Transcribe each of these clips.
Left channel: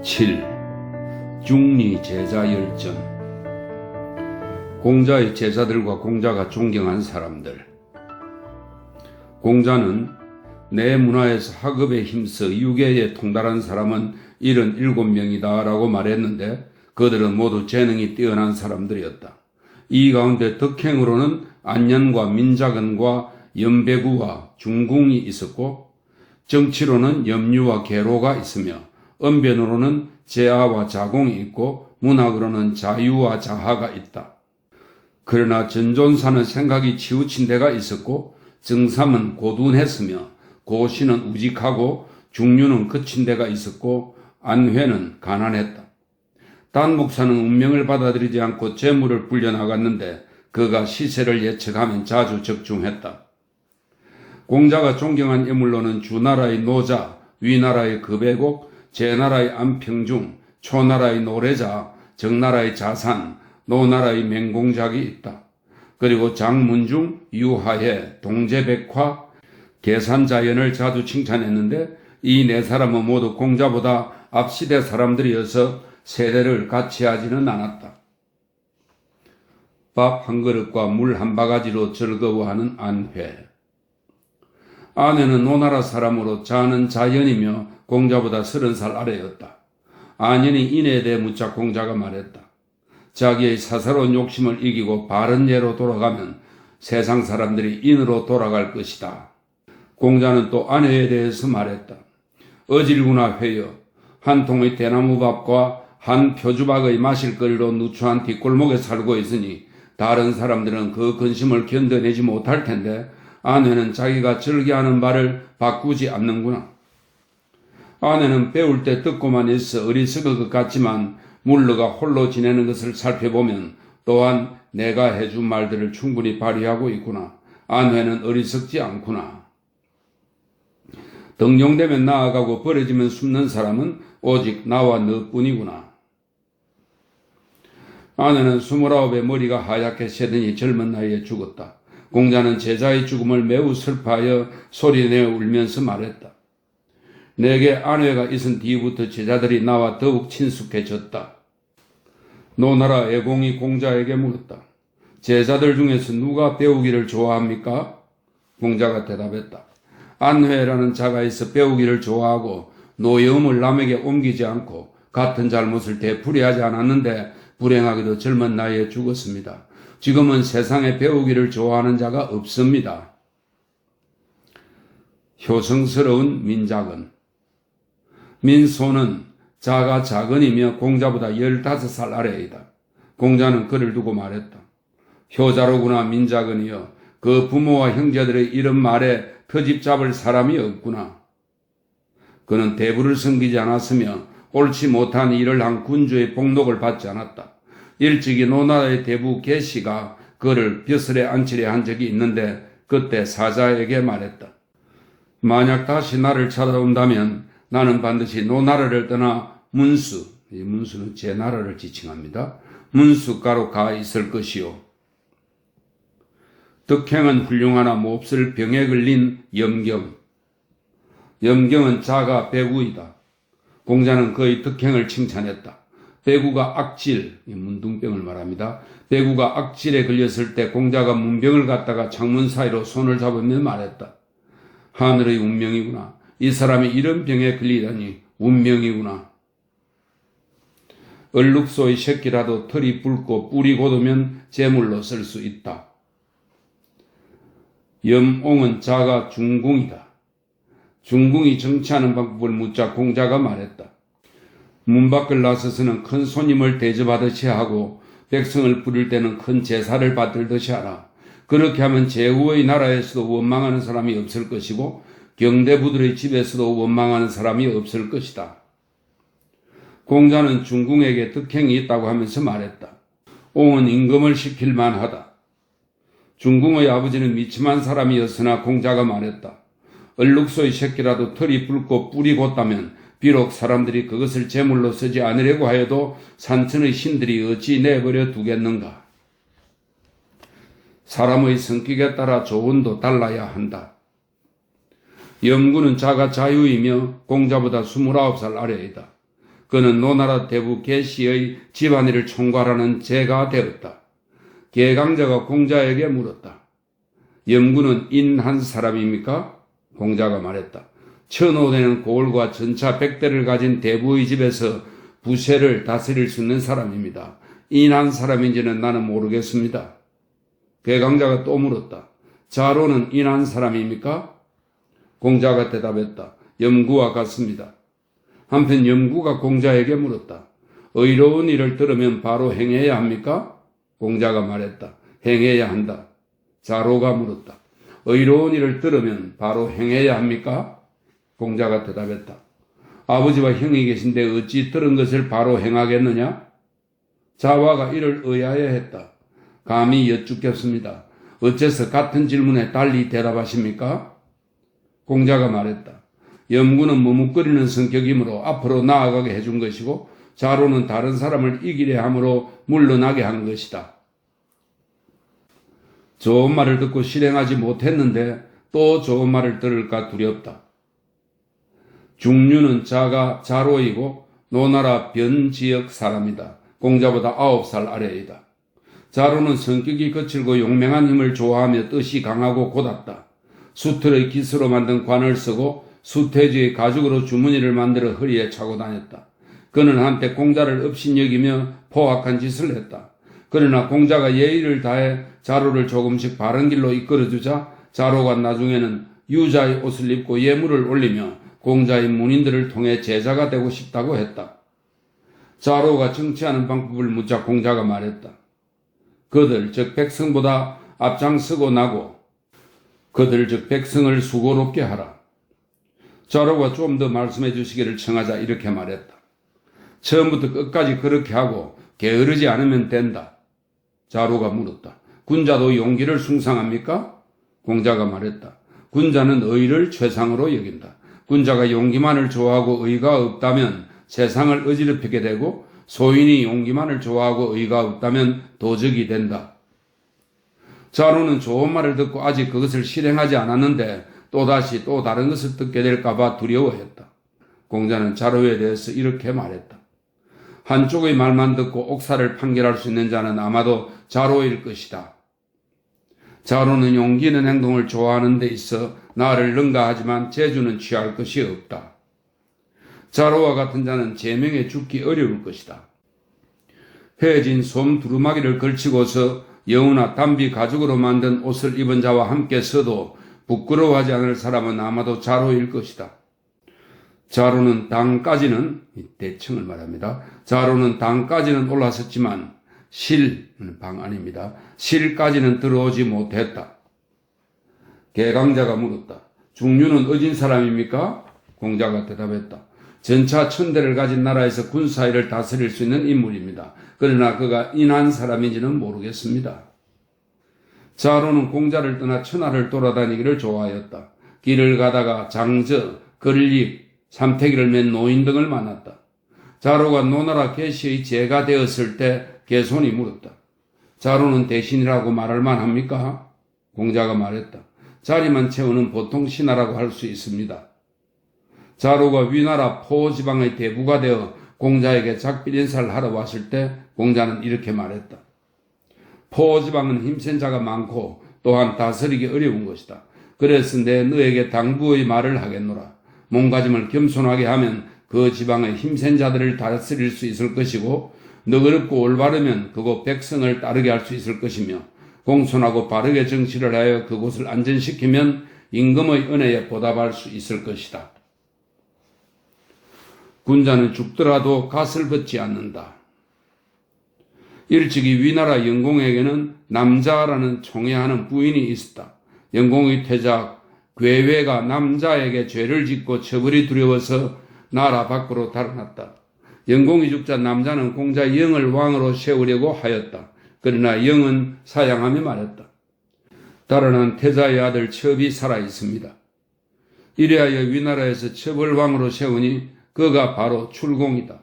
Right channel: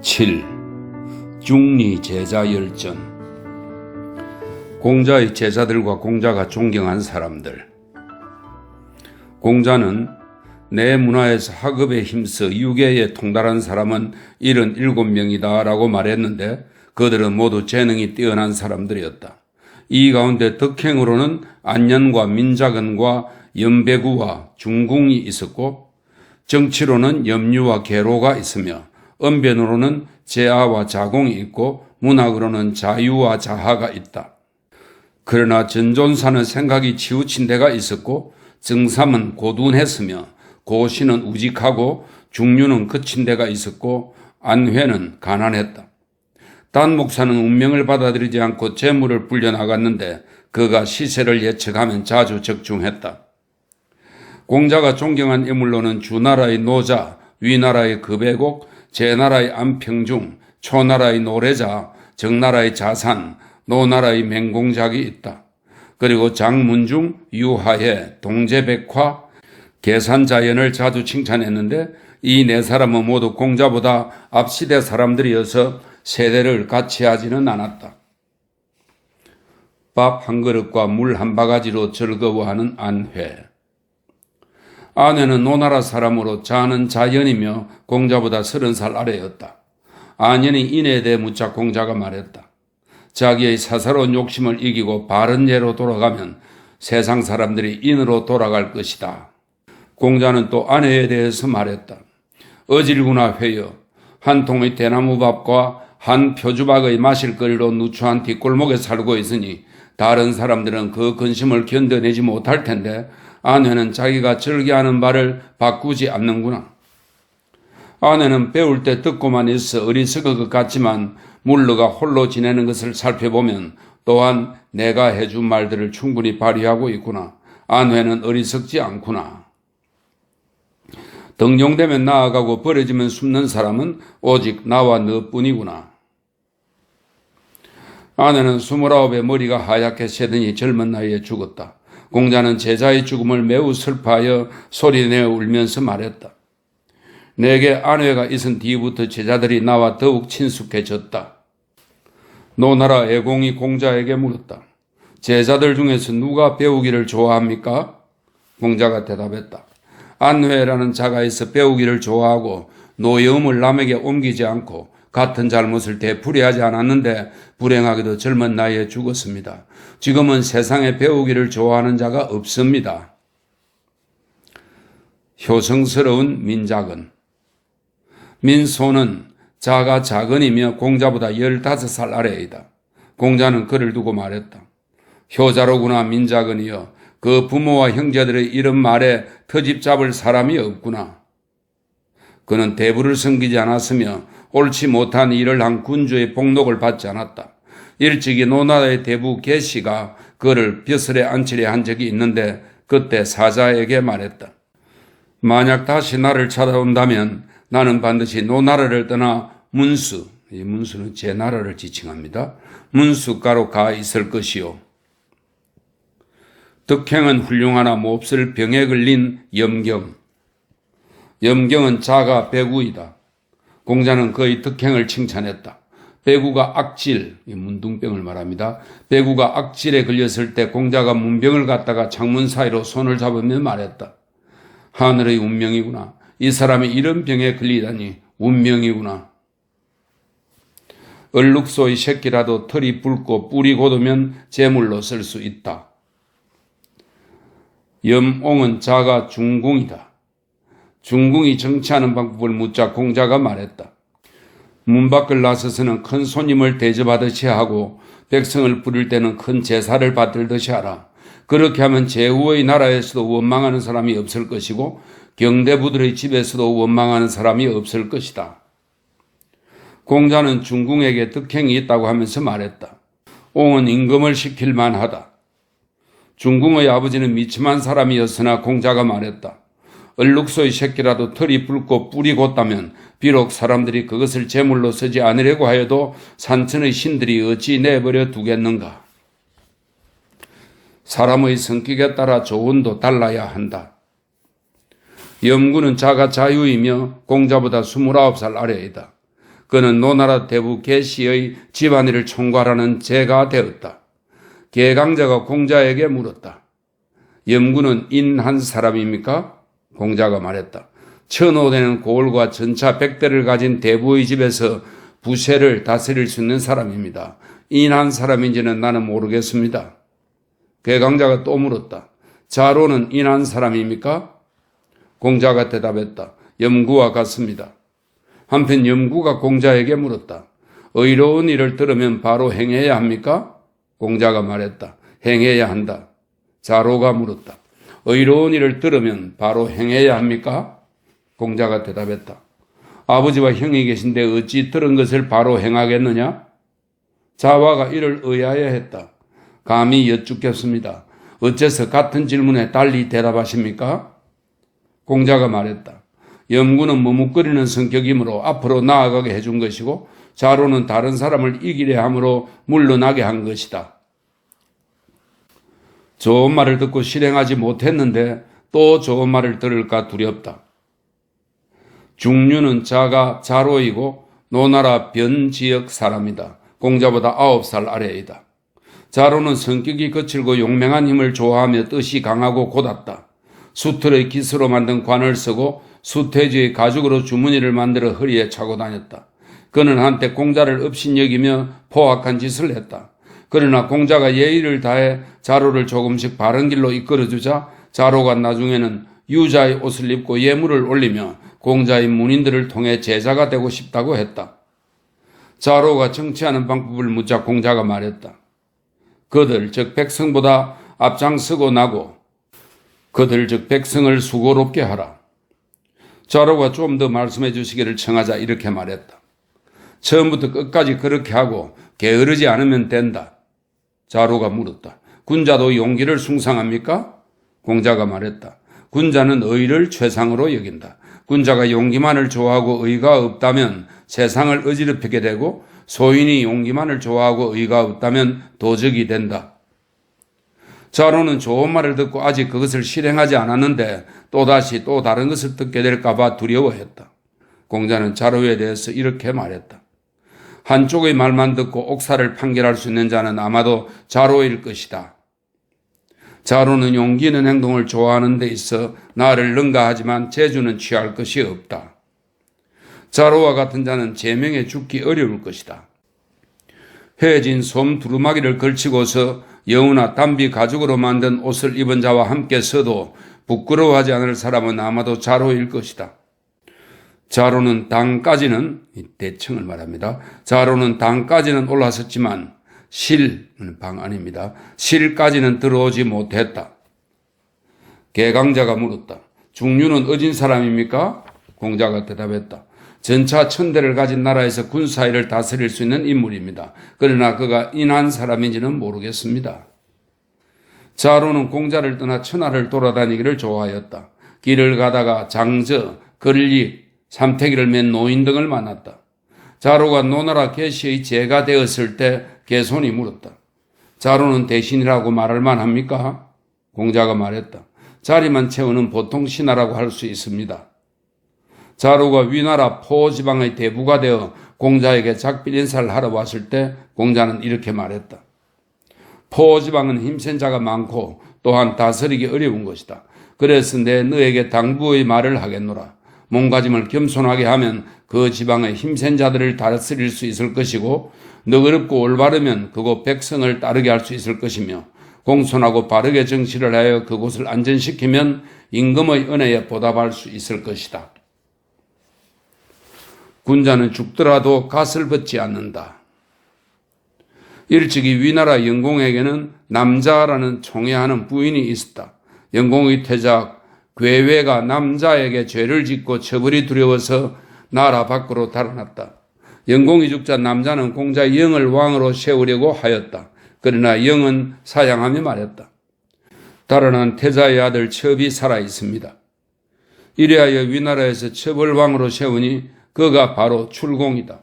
7. 중리 제자 열전. 공자의 제자들과 공자가 존경한 사람들. 공자는 내 문화에서 학업에 힘써 유계에 통달한 사람은 77명이다 라고 말했는데 그들은 모두 재능이 뛰어난 사람들이었다. 이 가운데 덕행으로는 안년과 민자근과 염배구와 중궁이 있었고, 정치로는 염류와 계로가 있으며 언변으로는 제아와 자공이 있고 문학으로는 자유와 자하가 있다. 그러나 전존사는 생각이 치우친 데가 있었고, 정삼은 고둔했으며 고시는 우직하고 중류는 거친 데가 있었고 안회는 가난했다. 단목사는 운명을 받아들이지 않고 재물을 불려나갔는데 그가 시세를 예측하면 자주 적중했다. 공자가 존경한 인물로는 주나라의 노자, 위나라의 급애곡, 제나라의 안평중, 초나라의 노래자, 정나라의 자산, 노나라의 맹공작이 있다. 그리고 장문중, 유하해, 동제백화, 계산자연을 자주 칭찬했는데 이 네 사람은 모두 공자보다 앞시대 사람들이어서 세대를 같이 하지는 않았다. 밥 한 그릇과 물 한 바가지로 즐거워하는 안회. 아내는 노나라 사람으로 자는 자연이며 공자보다 30살 아래였다. 안연이 인에 대해 묻자 공자가 말했다. 자기의 사사로운 욕심을 이기고 바른 예로 돌아가면 세상 사람들이 인으로 돌아갈 것이다. 공자는 또 아내에 대해서 말했다. 어질구나 회여, 한 통의 대나무밥과 한 표주박의 마실거리로 누추한 뒷골목에 살고 있으니 다른 사람들은 그 근심을 견뎌내지 못할 텐데 아내는 자기가 즐겨하는 바를 바꾸지 않는구나. 아내는 배울 때 듣고만 있어 어리석을 것 같지만 물러가 홀로 지내는 것을 살펴보면 또한 내가 해준 말들을 충분히 발휘하고 있구나. 아내는 어리석지 않구나. 등용되면 나아가고 버려지면 숨는 사람은 오직 나와 너뿐이구나. 아내는 29에 머리가 하얗게 새더니 젊은 나이에 죽었다. 공자는 제자의 죽음을 매우 슬퍼하여 소리내어 울면서 말했다. 내게 아내가 있은 뒤부터 제자들이 나와 더욱 친숙해졌다. 노나라 애공이 공자에게 물었다. 제자들 중에서 누가 배우기를 좋아합니까? 공자가 대답했다. 안회라는 자가 있어 배우기를 좋아하고 노여움을 남에게 옮기지 않고 같은 잘못을 되풀이하지 않았는데 불행하게도 젊은 나이에 죽었습니다. 지금은 세상에 배우기를 좋아하는 자가 없습니다. 효성스러운 민자근. 민소는 자가 자근이며 공자보다 15살 아래이다. 공자는 그를 두고 말했다. 효자로구나 민자근이여. 그 부모와 형제들의 이런 말에 터집 잡을 사람이 없구나. 그는 대부를 섬기지 않았으며 옳지 못한 일을 한 군주의 복록을 받지 않았다. 일찍이 노나라의 대부 계시가 그를 벼슬에 앉히려 한 적이 있는데 그때 사자에게 말했다. 만약 다시 나를 찾아온다면 나는 반드시 노나라를 떠나 문수, 이 문수는 제 나라를 지칭합니다. 문수가로 가 있을 것이요. 덕행은 훌륭하나 몹쓸 병에 걸린 염경. 염경은 자가 배구이다. 공자는 그의 덕행을 칭찬했다. 배구가 악질, 문둥병을 말합니다. 배구가 악질에 걸렸을 때 공자가 문병을 갖다가 창문 사이로 손을 잡으며 말했다. 하늘의 운명이구나. 이 사람이 이런 병에 걸리다니 운명이구나. 얼룩소의 새끼라도 털이 붉고 뿔이 곧으면 제물로 쓸 수 있다. 염옹은 자가 중궁이다. 중궁이 정치하는 방법을 묻자 공자가 말했다. 문 밖을 나서서는 큰 손님을 대접하듯이 하고 백성을 부릴 때는 큰 제사를 받들듯이 하라. 그렇게 하면 제후의 나라에서도 원망하는 사람이 없을 것이고 경대부들의 집에서도 원망하는 사람이 없을 것이다. 공자는 중궁에게 덕행이 있다고 하면서 말했다. 옹은 임금을 시킬 만하다. 중궁의 아버지는 미침한 사람이었으나 공자가 말했다. 얼룩소의 새끼라도 털이 붉고 뿔이 곧다면 비록 사람들이 그것을 제물로 쓰지 않으려고 하여도 산천의 신들이 어찌 내버려 두겠는가. 사람의 성격에 따라 조언도 달라야 한다. 염구는 자가 자유이며 공자보다 29살 아래이다. 그는 노나라 대부 계시의 집안일을 총괄하는 제가 되었다. 계강자가 공자에게 물었다. 염구는 인한 사람입니까? 공자가 말했다. 1,500대는 고을과 전차 100대를 가진 대부의 집에서 부세를 다스릴 수 있는 사람입니다. 인한 사람인지는 나는 모르겠습니다. 계강자가 또 물었다. 자로는 인한 사람입니까? 공자가 대답했다. 염구와 같습니다. 한편 염구가 공자에게 물었다. 의로운 일을 들으면 바로 행해야 합니까? 공자가 말했다. 행해야 한다. 자로가 물었다. 의로운 일을 들으면 바로 행해야 합니까? 공자가 대답했다. 아버지와 형이 계신데 어찌 들은 것을 바로 행하겠느냐? 자와가 이를 의아해했다. 감히 여쭙겠습니다. 어째서 같은 질문에 달리 대답하십니까? 공자가 말했다. 염구는 머뭇거리는 성격이므로 앞으로 나아가게 해준 것이고 자로는 다른 사람을 이기려 함으로 물러나게 한 것이다. 좋은 말을 듣고 실행하지 못했는데 또 좋은 말을 들을까 두렵다. 중류는 자가 자로이고 노나라 변지역 사람이다. 공자보다 9살 아래이다. 자로는 성격이 거칠고 용맹한 힘을 좋아하며 뜻이 강하고 곧았다. 수틀의 기스로 만든 관을 쓰고 수태지의 가죽으로 주머니를 만들어 허리에 차고 다녔다. 그는 한때 공자를 업신여기며 포악한 짓을 했다. 그러나 공자가 예의를 다해 자로를 조금씩 바른 길로 이끌어주자 자로가 나중에는 유자의 옷을 입고 예물을 올리며 공자의 문인들을 통해 제자가 되고 싶다고 했다. 자로가 정치하는 방법을 묻자 공자가 말했다. 그들 즉 백성보다 앞장서고 나고 그들 즉 백성을 수고롭게 하라. 자로가 좀 더 말씀해 주시기를 청하자 이렇게 말했다. 처음부터 끝까지 그렇게 하고 게으르지 않으면 된다. 자로가 물었다. 군자도 용기를 숭상합니까? 공자가 말했다. 군자는 의를 최상으로 여긴다. 군자가 용기만을 좋아하고 의가 없다면 세상을 어지럽히게 되고 소인이 용기만을 좋아하고 의가 없다면 도적이 된다. 자로는 좋은 말을 듣고 아직 그것을 실행하지 않았는데 또다시 또 다른 것을 듣게 될까봐 두려워했다. 공자는 자로에 대해서 이렇게 말했다. 한쪽의 말만 듣고 옥사를 판결할 수 있는 자는 아마도 자로일 것이다. 자로는 용기 있는 행동을 좋아하는 데 있어 나를 능가하지만 재주는 취할 것이 없다. 자로와 같은 자는 제명에 죽기 어려울 것이다. 헤어진 솜 두루마기를 걸치고서 여우나 담비 가죽으로 만든 옷을 입은 자와 함께 서도 부끄러워하지 않을 사람은 아마도 자로일 것이다. 자로는 당까지는 대청을 말합니다. 자로는 당까지는 올라섰지만 방 아닙니다. 실까지는 들어오지 못했다. 계강자가 물었다. 중류는 어진 사람입니까? 공자가 대답했다. 전차 1,000대를 가진 나라에서 군사일을 다스릴 수 있는 인물입니다. 그러나 그가 인한 사람인지는 모르겠습니다. 자로는 공자를 떠나 천하를 돌아다니기를 좋아하였다. 길을 가다가 장저, 걸릭, 삼태기를 맨 노인 등을 만났다. 자로가 노나라 계시의 제가 되었을 때 개손이 물었다. 자로는 대신이라고 말할 만합니까? 공자가 말했다. 자리만 채우는 보통 신하라고 할 수 있습니다. 자로가 위나라 포지방의 대부가 되어 공자에게 작별 인사를 하러 왔을 때 공자는 이렇게 말했다. 포지방은 힘센 자가 많고 또한 다스리기 어려운 것이다. 그래서 내 너에게 당부의 말을 하겠노라. 몸가짐을 겸손하게 하면 그 지방의 힘센 자들을 다스릴 수 있을 것이고 너그럽고 올바르면 그곳 백성을 따르게 할 수 있을 것이며 공손하고 바르게 정치를 하여 그곳을 안전시키면 임금의 은혜에 보답할 수 있을 것이다. 군자는 죽더라도 갓을 벗지 않는다. 일찍이 위나라 영공에게는 남자라는 총애하는 부인이 있었다. 영공의 태자 괴외가 남자에게 죄를 짓고 처벌이 두려워서 나라 밖으로 달아났다. 영공이 죽자 남자는 공자 영을 왕으로 세우려고 하였다. 그러나 영은 사양하며 말했다. 달아난 태자의 아들 첩이 살아 있습니다. 이래하여 위나라에서 첩을 왕으로 세우니 그가 바로 출공이다.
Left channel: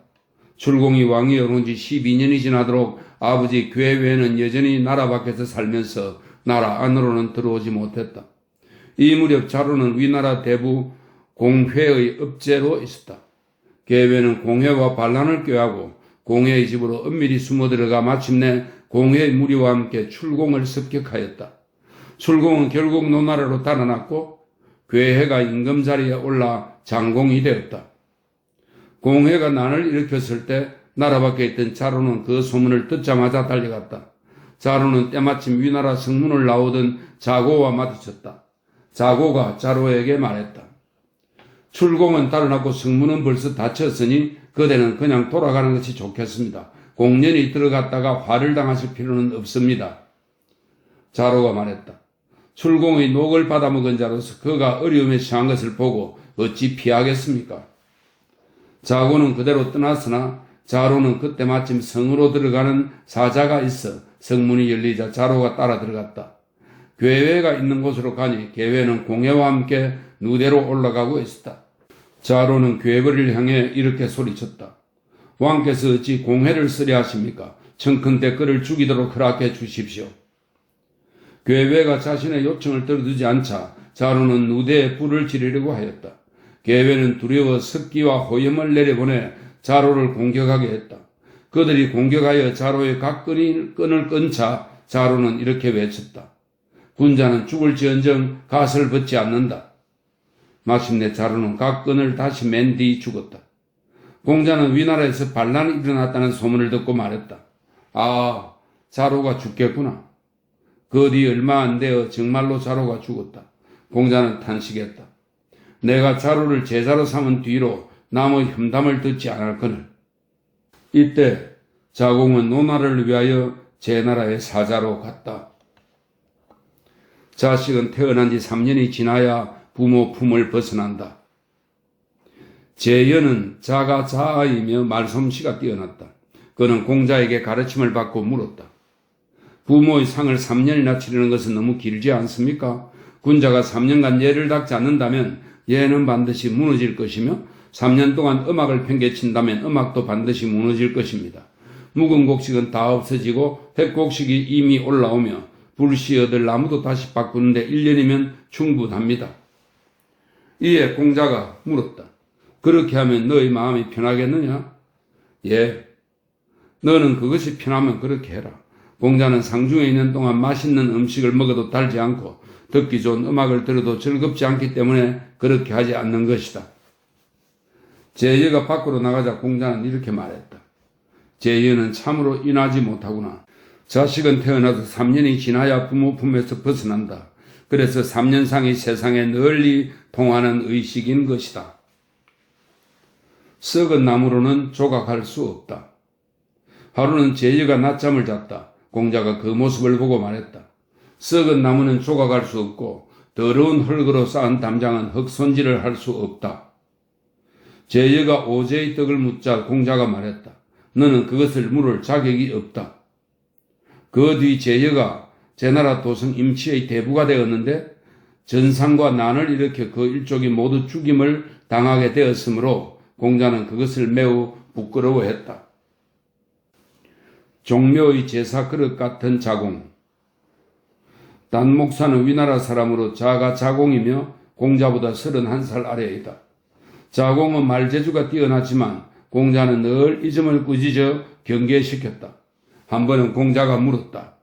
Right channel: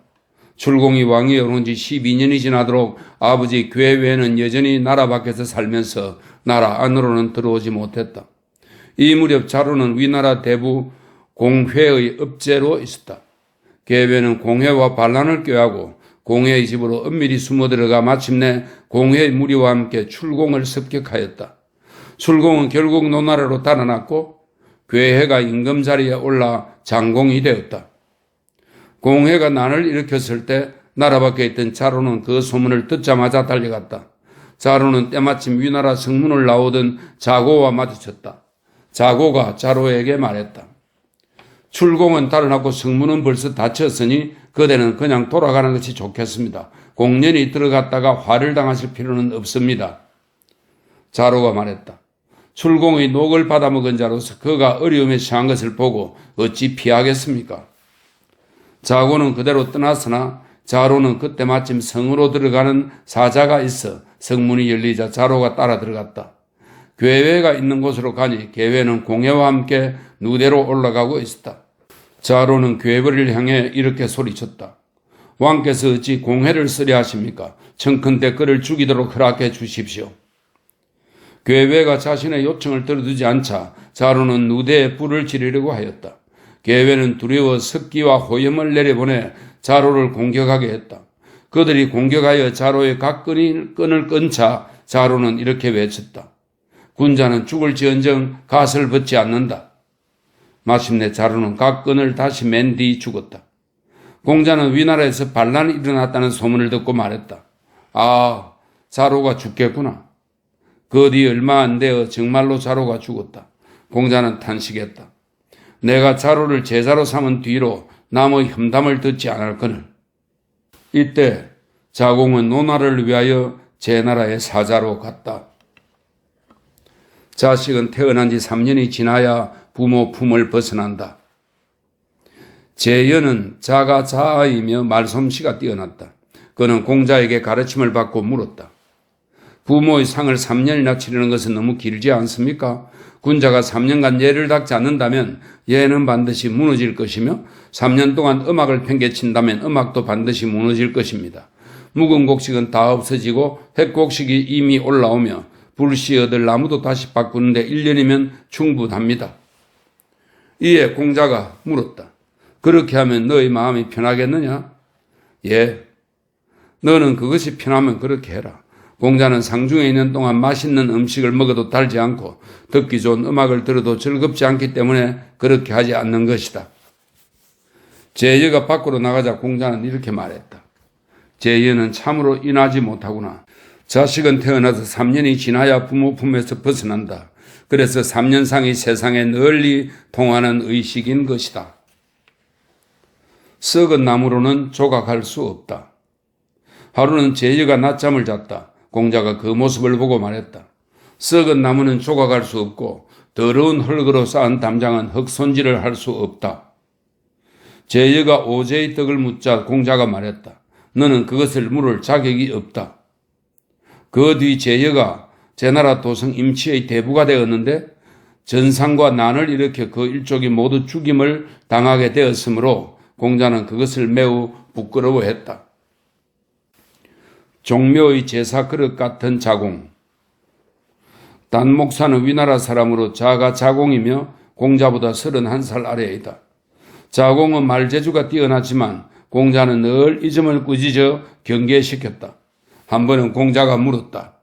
출공이 왕이 오른 지 12년이 지나도록 아버지 괴외는 여전히 나라 밖에서 살면서 나라 안으로는 들어오지 못했다. 이 무렵 자로는 위나라 대부 공회의 읍제로 있었다. 계회는 공회와 반란을 꾀하고 공회의 집으로 은밀히 숨어들어가 마침내 공회의 무리와 함께 출공을 습격하였다. 출공은 결국 노나라로 달아났고 괴회가 임금 자리에 올라 장공이 되었다. 공회가 난을 일으켰을 때 나라 밖에 있던 자로는 그 소문을 듣자마자 달려갔다. 자로는 때마침 위나라 성문을 나오던 자고와 마주쳤다. 자고가 자로에게 말했다. 출공은 달아났고 성문은 벌써 닫혔으니 그대는 그냥 돌아가는 것이 좋겠습니다. 공연히 들어갔다가 화를 당하실 필요는 없습니다. 자로가 말했다. 출공의 녹을 받아먹은 자로서 그가 어려움에 처한 것을 보고 어찌 피하겠습니까? 자고는 그대로 떠났으나 자로는 그때 마침 성으로 들어가는 사자가 있어 성문이 열리자 자로가 따라 들어갔다. 괴회가 있는 곳으로 가니 괴회는 공회와 함께 누대로 올라가고 있었다. 자로는 괴회를 향해 이렇게 소리쳤다. 왕께서 어찌 공회를 쓰려 하십니까? 청컨대 그를 죽이도록 허락해 주십시오. 괴회가 자신의 요청을 들어두지 않자 자로는 누대에 불을 지르려고 하였다. 괴회는 두려워 습기와 호염을 내려보내 자로를 공격하게 했다. 그들이 공격하여 자로의 각 끈을 끈차 자로는 이렇게 외쳤다. 군자는 죽을지언정 갓을 벗지 않는다. 마침내 자로는 각 끈을 다시 맨 뒤 죽었다. 공자는 위나라에서 반란이 일어났다는 소문을 듣고 말했다. 아, 자로가 죽겠구나. 그 뒤 얼마 안 되어 정말로 자로가 죽었다. 공자는 탄식했다. 내가 자로를 제자로 삼은 뒤로 남의 험담을 듣지 않았거늘. 이때 자공은 노나를 위하여 제나라의 사자로 갔다. 자식은 태어난 지 3년이 지나야 부모 품을 벗어난다. 제연은 자가 자아이며 말솜씨가 뛰어났다. 그는 공자에게 가르침을 받고 물었다. 부모의 상을 3년이나 치르는 것은 너무 길지 않습니까? 군자가 3년간 예를 닦지 않는다면 예는 반드시 무너질 것이며 3년 동안 음악을 팽개친다면 음악도 반드시 무너질 것입니다. 묵은 곡식은 다 없어지고 햇곡식이 이미 올라오며 불씨 얻을 나무도 다시 바꾸는데 1년이면 충분합니다. 이에 공자가 물었다. 그렇게 하면 너의 마음이 편하겠느냐? 예. 너는 그것이 편하면 그렇게 해라. 공자는 상중에 있는 동안 맛있는 음식을 먹어도 달지 않고 듣기 좋은 음악을 들어도 즐겁지 않기 때문에 그렇게 하지 않는 것이다. 제여가 밖으로 나가자 공자는 이렇게 말했다. 제여는 참으로 인하지 못하구나. 자식은 태어나서 3년이 지나야 부모 품에서 벗어난다. 그래서 3년상이 세상에 널리 통하는 의식인 것이다. 썩은 나무로는 조각할 수 없다. 하루는 제여가 낮잠을 잤다. 공자가 그 모습을 보고 말했다. 썩은 나무는 조각할 수 없고 더러운 흙으로 쌓은 담장은 흙손질을 할 수 없다. 제여가 오제의 떡을 묻자 공자가 말했다. 너는 그것을 물을 자격이 없다. 그 뒤 제여가 제나라 도성 임치의 대부가 되었는데 전상과 난을 일으켜 그 일족이 모두 죽임을 당하게 되었으므로 공자는 그것을 매우 부끄러워했다. 종묘의 제사 그릇 같은 자공. 단목사는 위나라 사람으로 자가 자공이며 공자보다 31살 아래이다. 자공은 말재주가 뛰어나지만 공자는 늘 이 점을 꾸짖어 경계시켰다. 한 번은 공자가 물었다.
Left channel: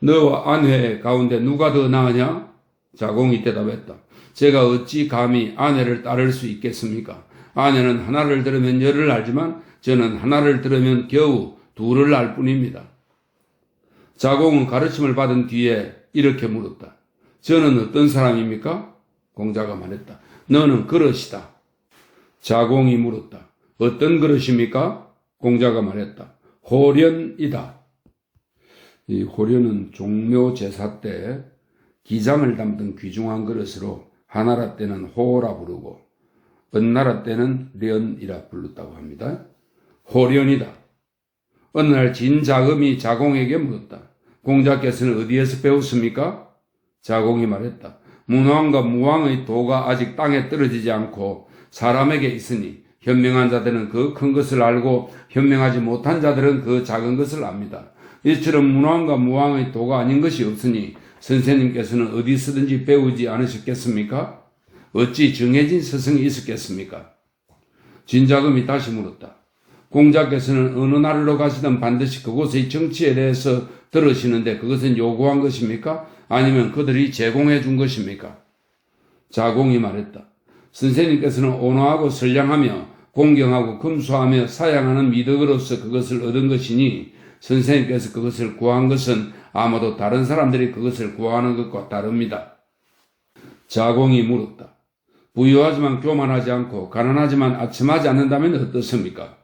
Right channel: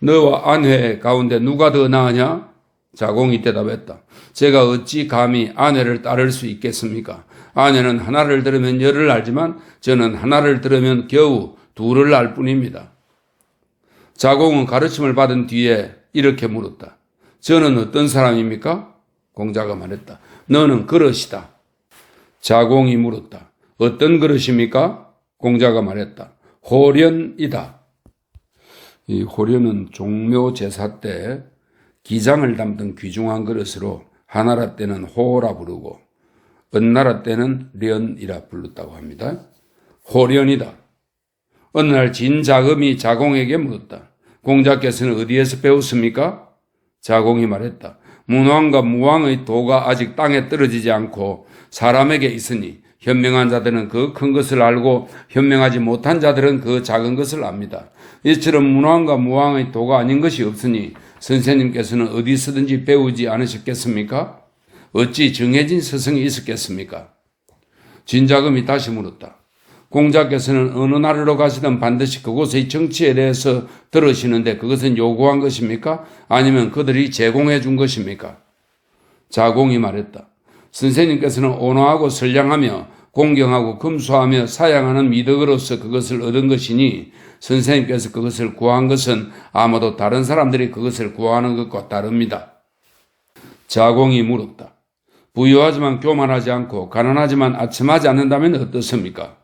너와 아내 가운데 누가 더 나으냐? 자공이 대답했다. 제가 어찌 감히 아내를 따를 수 있겠습니까? 아내는 하나를 들으면 열을 알지만 저는 하나를 들으면 겨우 둘을 알 뿐입니다. 자공은 가르침을 받은 뒤에 이렇게 물었다. 저는 어떤 사람입니까? 공자가 말했다. 너는 그릇이다. 자공이 물었다. 어떤 그릇입니까? 공자가 말했다. 호련이다. 이 호련은 종묘 제사 때 기장을 담던 귀중한 그릇으로 하나라 때는 호라 부르고 은나라 때는 련이라 불렀다고 합니다. 호련이다. 어느 날 진자금이 자공에게 물었다. 공자께서는 어디에서 배웠습니까? 자공이 말했다. 문왕과 무왕의 도가 아직 땅에 떨어지지 않고 사람에게 있으니 현명한 자들은 그 큰 것을 알고 현명하지 못한 자들은 그 작은 것을 압니다. 이처럼 문왕과 무왕의 도가 아닌 것이 없으니 선생님께서는 어디서든지 배우지 않으셨겠습니까? 어찌 정해진 스승이 있었겠습니까? 진자금이 다시 물었다. 공자께서는 어느 나라로 가시든 반드시 그곳의 정치에 대해서 들으시는데 그것은 요구한 것입니까? 아니면 그들이 제공해 준 것입니까? 자공이 말했다. 선생님께서는 온화하고 선량하며 공경하고 금수하며 사양하는 미덕으로서 그것을 얻은 것이니 선생님께서 그것을 구한 것은 아마도 다른 사람들이 그것을 구하는 것과 다릅니다. 자공이 물었다. 부유하지만 교만하지 않고 가난하지만 아첨하지 않는다면 어떻습니까?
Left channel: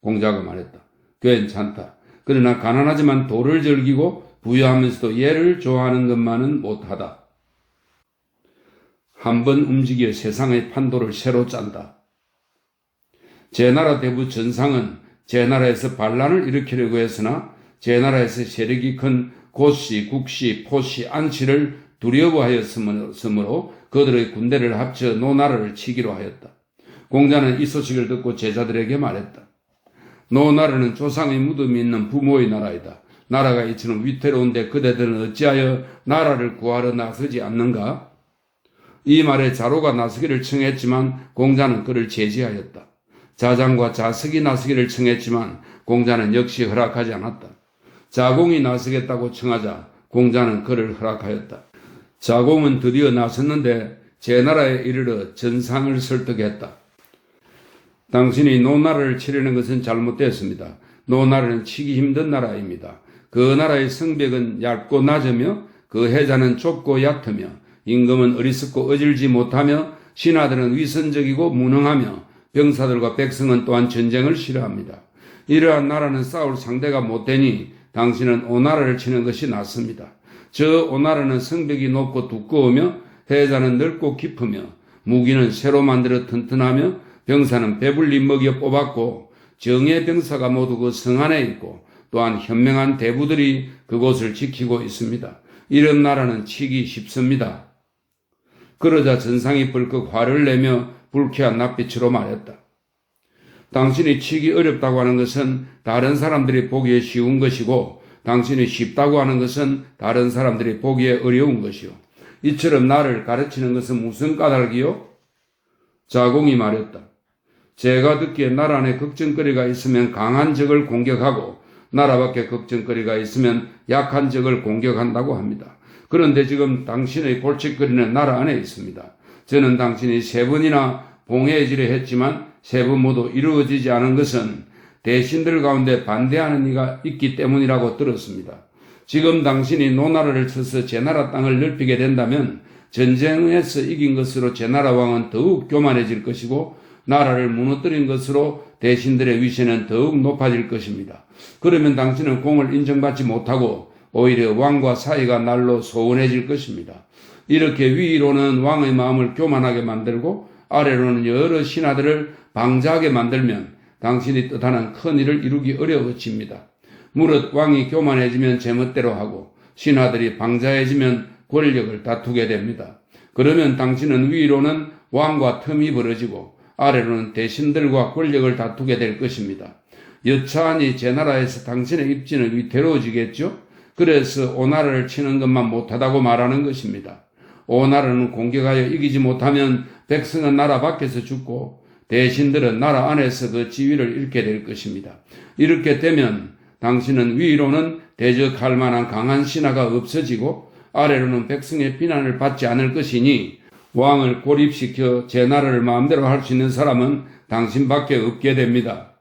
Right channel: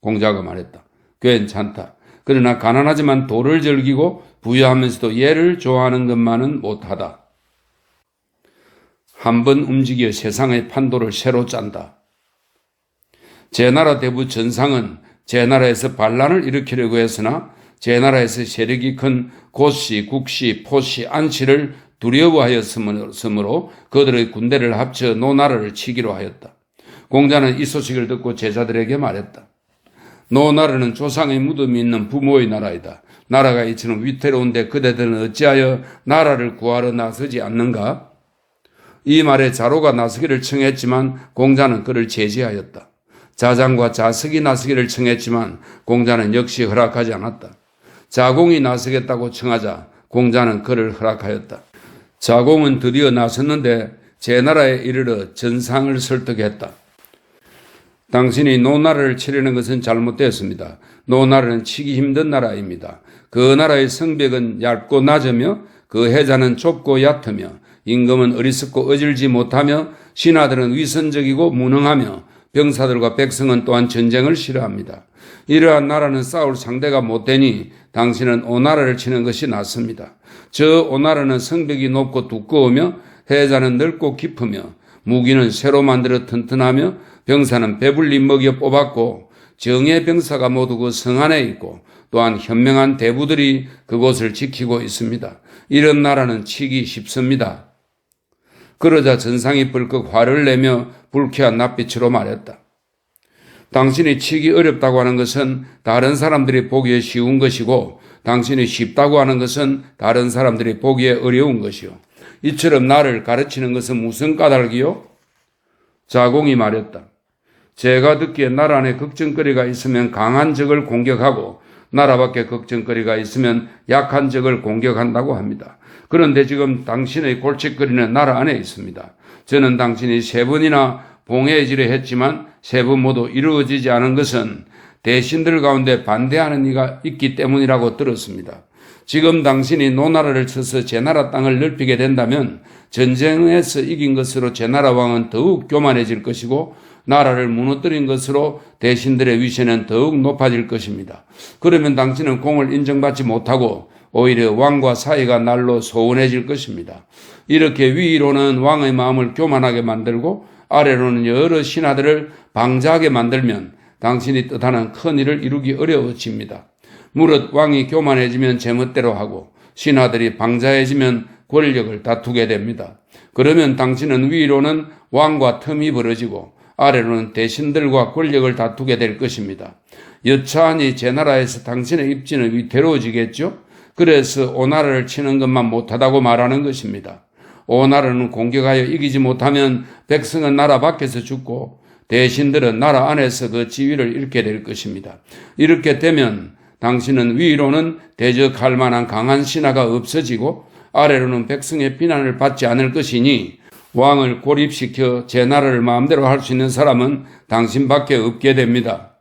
공자가 말했다. 괜찮다. 그러나 가난하지만 도를 즐기고 부유하면서도 예를 좋아하는 것만은 못하다. 한번 움직여 세상의 판도를 새로 짠다. 제나라 대부 전상은 제나라에서 반란을 일으키려고 했으나 제나라에서 세력이 큰 고씨, 국씨, 포씨, 안치를 두려워하였으므로 그들의 군대를 합쳐 노나라를 치기로 하였다. 공자는 이 소식을 듣고 제자들에게 말했다. 노나라는 조상의 무덤이 있는 부모의 나라이다. 나라가 이처럼 위태로운데 그대들은 어찌하여 나라를 구하러 나서지 않는가? 이 말에 자로가 나서기를 청했지만 공자는 그를 제지하였다. 자장과 자석이 나서기를 청했지만 공자는 역시 허락하지 않았다. 자공이 나서겠다고 청하자 공자는 그를 허락하였다. 자공은 드디어 나섰는데 제나라에 이르러 전상을 설득했다. 당신이 노나라를 치려는 것은 잘못되었습니다. 노나라는 치기 힘든 나라입니다. 그 나라의 성벽은 얇고 낮으며 그 해자는 좁고 얕으며 임금은 어리석고 어질지 못하며 신하들은 위선적이고 무능하며 병사들과 백성은 또한 전쟁을 싫어합니다. 이러한 나라는 싸울 상대가 못되니 당신은 오나라를 치는 것이 낫습니다. 저 오나라는 성벽이 높고 두꺼우며 해자는 넓고 깊으며 무기는 새로 만들어 튼튼하며 병사는 배불리 먹여 뽑았고 정예 병사가 모두 그 성 안에 있고 또한 현명한 대부들이 그곳을 지키고 있습니다. 이런 나라는 치기 쉽습니다. 그러자 전상이 벌컥 화를 내며 불쾌한 낯빛으로 말했다. 당신이 치기 어렵다고 하는 것은 다른 사람들이 보기에 쉬운 것이고 당신이 쉽다고 하는 것은 다른 사람들이 보기에 어려운 것이요. 이처럼 나를 가르치는 것은 무슨 까닭이요? 자공이 말했다. 제가 듣기에 나라 안에 걱정거리가 있으면 강한 적을 공격하고 나라 밖에 걱정거리가 있으면 약한 적을 공격한다고 합니다. 그런데 지금 당신의 골칫거리는 나라 안에 있습니다. 저는 당신이 3번이나 봉해지려 했지만 3번 모두 이루어지지 않은 것은 대신들 가운데 반대하는 이가 있기 때문이라고 들었습니다. 지금 당신이 노나라를 쳐서 제나라 땅을 넓히게 된다면 전쟁에서 이긴 것으로 제나라 왕은 더욱 교만해질 것이고 나라를 무너뜨린 것으로 대신들의 위세는 더욱 높아질 것입니다. 그러면 당신은 공을 인정받지 못하고 오히려 왕과 사이가 날로 소원해질 것입니다. 이렇게 위로는 왕의 마음을 교만하게 만들고 아래로는 여러 신하들을 방자하게 만들면 당신이 뜻하는 큰 일을 이루기 어려워집니다. 무릇 왕이 교만해지면 제멋대로 하고 신하들이 방자해지면 권력을 다투게 됩니다. 그러면 당신은 위로는 왕과 틈이 벌어지고 아래로는 대신들과 권력을 다투게 될 것입니다. 여차하니 제나라에서 당신의 입지는 위태로워지겠죠? 그래서 오나라를 치는 것만 못하다고 말하는 것입니다. 오나라는 공격하여 이기지 못하면 백성은 나라 밖에서 죽고 대신들은 나라 안에서 그 지위를 잃게 될 것입니다. 이렇게 되면 당신은 위로는 대적할 만한 강한 신하가 없어지고 아래로는 백성의 비난을 받지 않을 것이니 왕을 고립시켜 제나라를 마음대로 할 수 있는 사람은 당신밖에 없게 됩니다.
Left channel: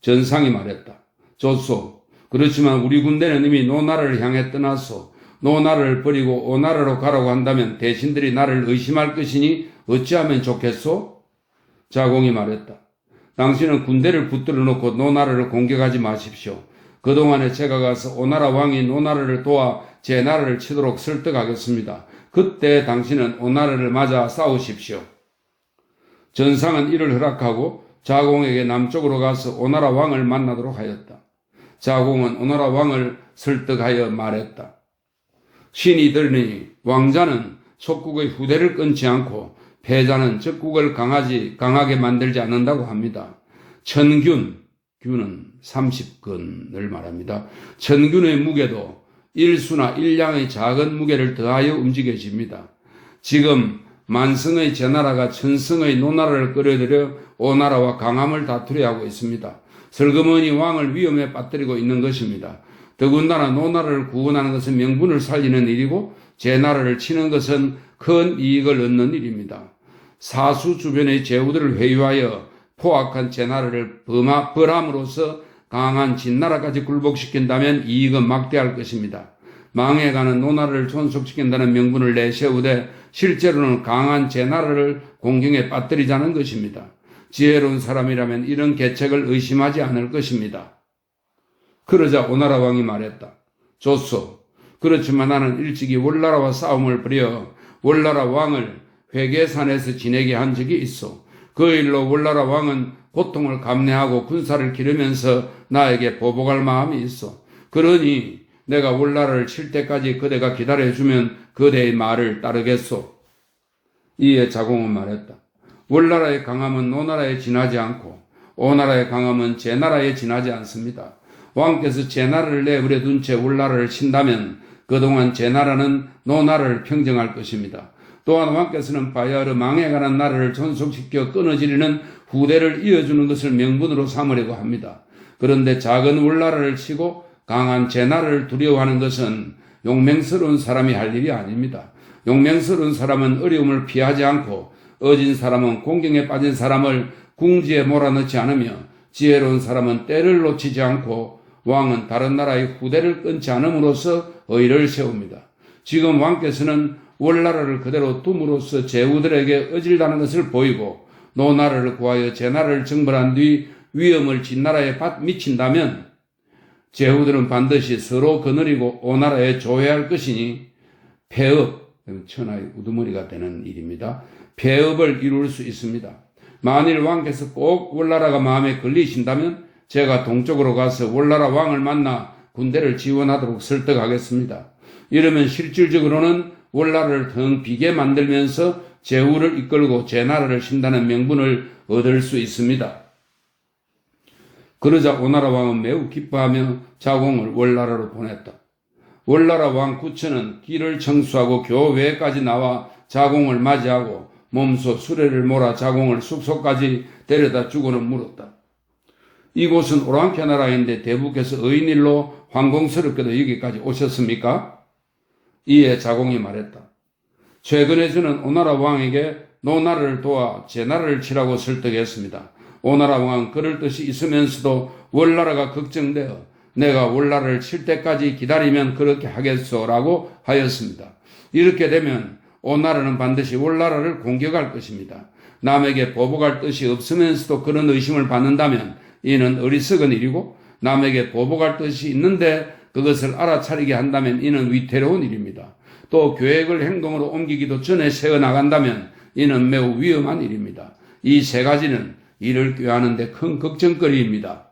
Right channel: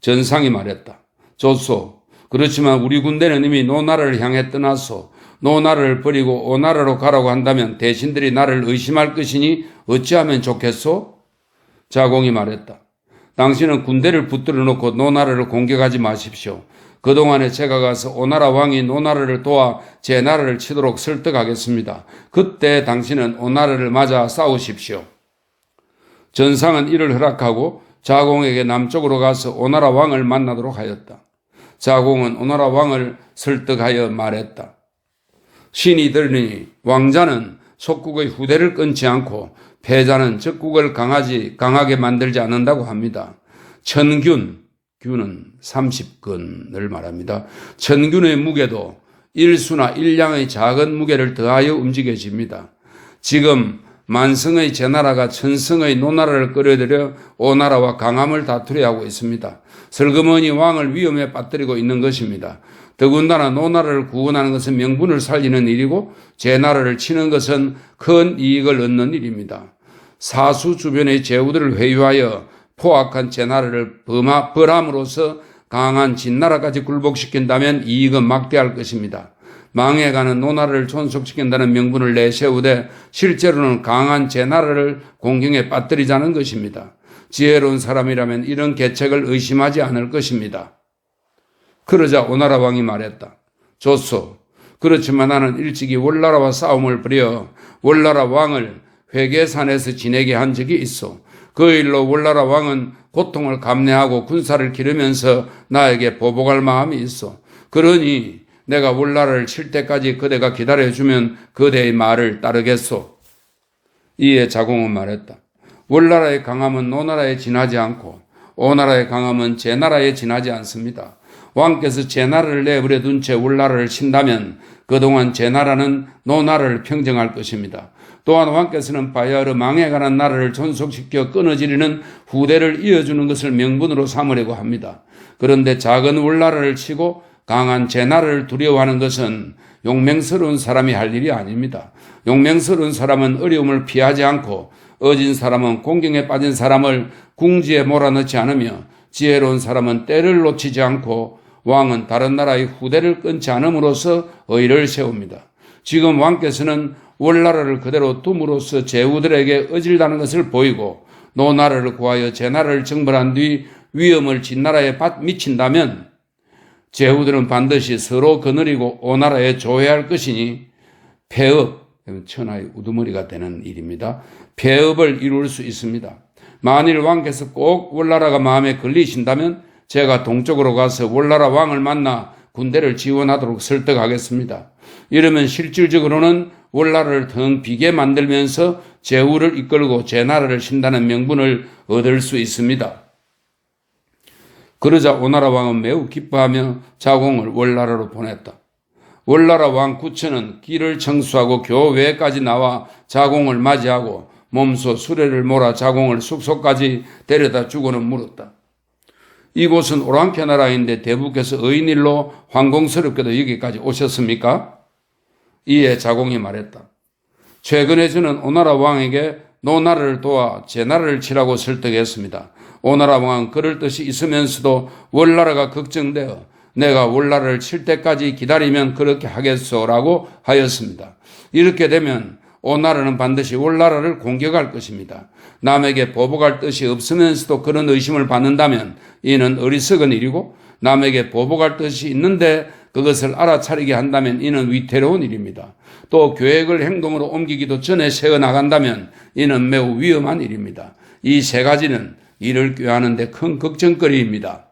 전상이 말했다. 좋소. 그렇지만 우리 군대는 이미 노나라를 향해 떠났소. 노나라를 버리고 오나라로 가라고 한다면 대신들이 나를 의심할 것이니 어찌하면 좋겠소? 자공이 말했다. 당신은 군대를 붙들어 놓고 노나라를 공격하지 마십시오. 그동안에 제가 가서 오나라 왕이 노나라를 도와 제 나라를 치도록 설득하겠습니다. 그때 당신은 오나라를 맞아 싸우십시오. 전상은 이를 허락하고 자공에게 남쪽으로 가서 오나라 왕을 만나도록 하였다. 자공은 오나라 왕을 설득하여 말했다. 신이 들으니 왕자는 속국의 후대를 끊지 않고 패자는 적국을 강하게 만들지 않는다고 합니다. 천균, 균은 30근을 말합니다. 천균의 무게도 일수나 일량의 작은 무게를 더하여 움직여집니다. 지금 만성의 제나라가 천성의 노나라를 끌어들여 오나라와 강함을 다투려 하고 있습니다. 슬그머니 왕을 위험에 빠뜨리고 있는 것입니다. 더군다나 노나라를 구원하는 것은 명분을 살리는 일이고 제나라를 치는 것은 큰 이익을 얻는 일입니다. 사수 주변의 제후들을 회유하여 포악한 제나라를 벌함으로써 강한 진나라까지 굴복시킨다면 이익은 막대할 것입니다. 망해가는 노나라를 존속시킨다는 명분을 내세우되 실제로는 강한 제나라를 공경에 빠뜨리자는 것입니다. 지혜로운 사람이라면 이런 계책을 의심하지 않을 것입니다. 그러자 오나라 왕이 말했다. 좋소. 그렇지만 나는 일찍이 월나라와 싸움을 벌여 월나라 왕을 회계산에서 지내게 한 적이 있어. 그 일로 월나라 왕은 고통을 감내하고 군사를 기르면서 나에게 보복할 마음이 있어. 그러니 내가 월나라를 칠 때까지 그대가 기다려주면 그대의 말을 따르겠소. 이에 자공은 말했다. 월나라의 강함은 노나라에 지나지 않고 오나라의 강함은 제나라에 지나지 않습니다. 왕께서 제나라를 내버려 둔 채 월나라를 친다면 그동안 제나라는 노나라를 평정할 것입니다. 또한 왕께서는 바야흐로 망해가는 나라를 존속시켜 끊어지리는 후대를 이어주는 것을 명분으로 삼으려고 합니다. 그런데 작은 월나라를 치고 강한 제나라를 두려워하는 것은 용맹스러운 사람이 할 일이 아닙니다. 용맹스러운 사람은 어려움을 피하지 않고 어진 사람은 공경에 빠진 사람을 궁지에 몰아넣지 않으며 지혜로운 사람은 때를 놓치지 않고 왕은 다른 나라의 후대를 끊지 않음으로써 의를 세웁니다. 지금 왕께서는 월나라를 그대로 둠으로써 제후들에게 어질다는 것을 보이고 노나라를 구하여 제나라를 정벌한 뒤 위험을 진나라에 미친다면 제후들은 반드시 서로 거느리고 오나라에 조회할 것이니 폐업, 천하의 우두머리가 되는 일입니다. 폐업을 이룰 수 있습니다. 만일 왕께서 꼭 월나라가 마음에 걸리신다면 제가 동쪽으로 가서 월나라 왕을 만나 군대를 지원하도록 설득하겠습니다. 이러면 실질적으로는 월나라를 더 비게 만들면서 제후를 이끌고 제나라를 신다는 명분을 얻을 수 있습니다. 그러자 오나라 왕은 매우 기뻐하며 자공을 월나라로 보냈다. 월나라 왕 구천은 길을 청수하고 교외까지 나와 자공을 맞이하고 몸소 수레를 몰아 자공을 숙소까지 데려다 주고는 물었다. 이곳은 오랑캐 나라인데 대부께서 의인일로 황공스럽게도 여기까지 오셨습니까? 이에 자공이 말했다. 최근에 저는 오나라 왕에게 노나라를 도와 제나라를 치라고 설득했습니다. 오나라 왕은 그럴 뜻이 있으면서도 월나라가 걱정되어 내가 월나라를 칠 때까지 기다리면 그렇게 하겠소라고 하였습니다. 이렇게 되면 오나라는 반드시 월나라를 공격할 것입니다. 남에게 보복할 뜻이 없으면서도 그런 의심을 받는다면 이는 어리석은 일이고 남에게 보복할 뜻이 있는데 그것을 알아차리게 한다면 이는 위태로운 일입니다. 또 계획을 행동으로 옮기기도 전에 세워나간다면 이는 매우 위험한 일입니다. 이 세 가지는 이를 꾀하는 데 큰 걱정거리입니다.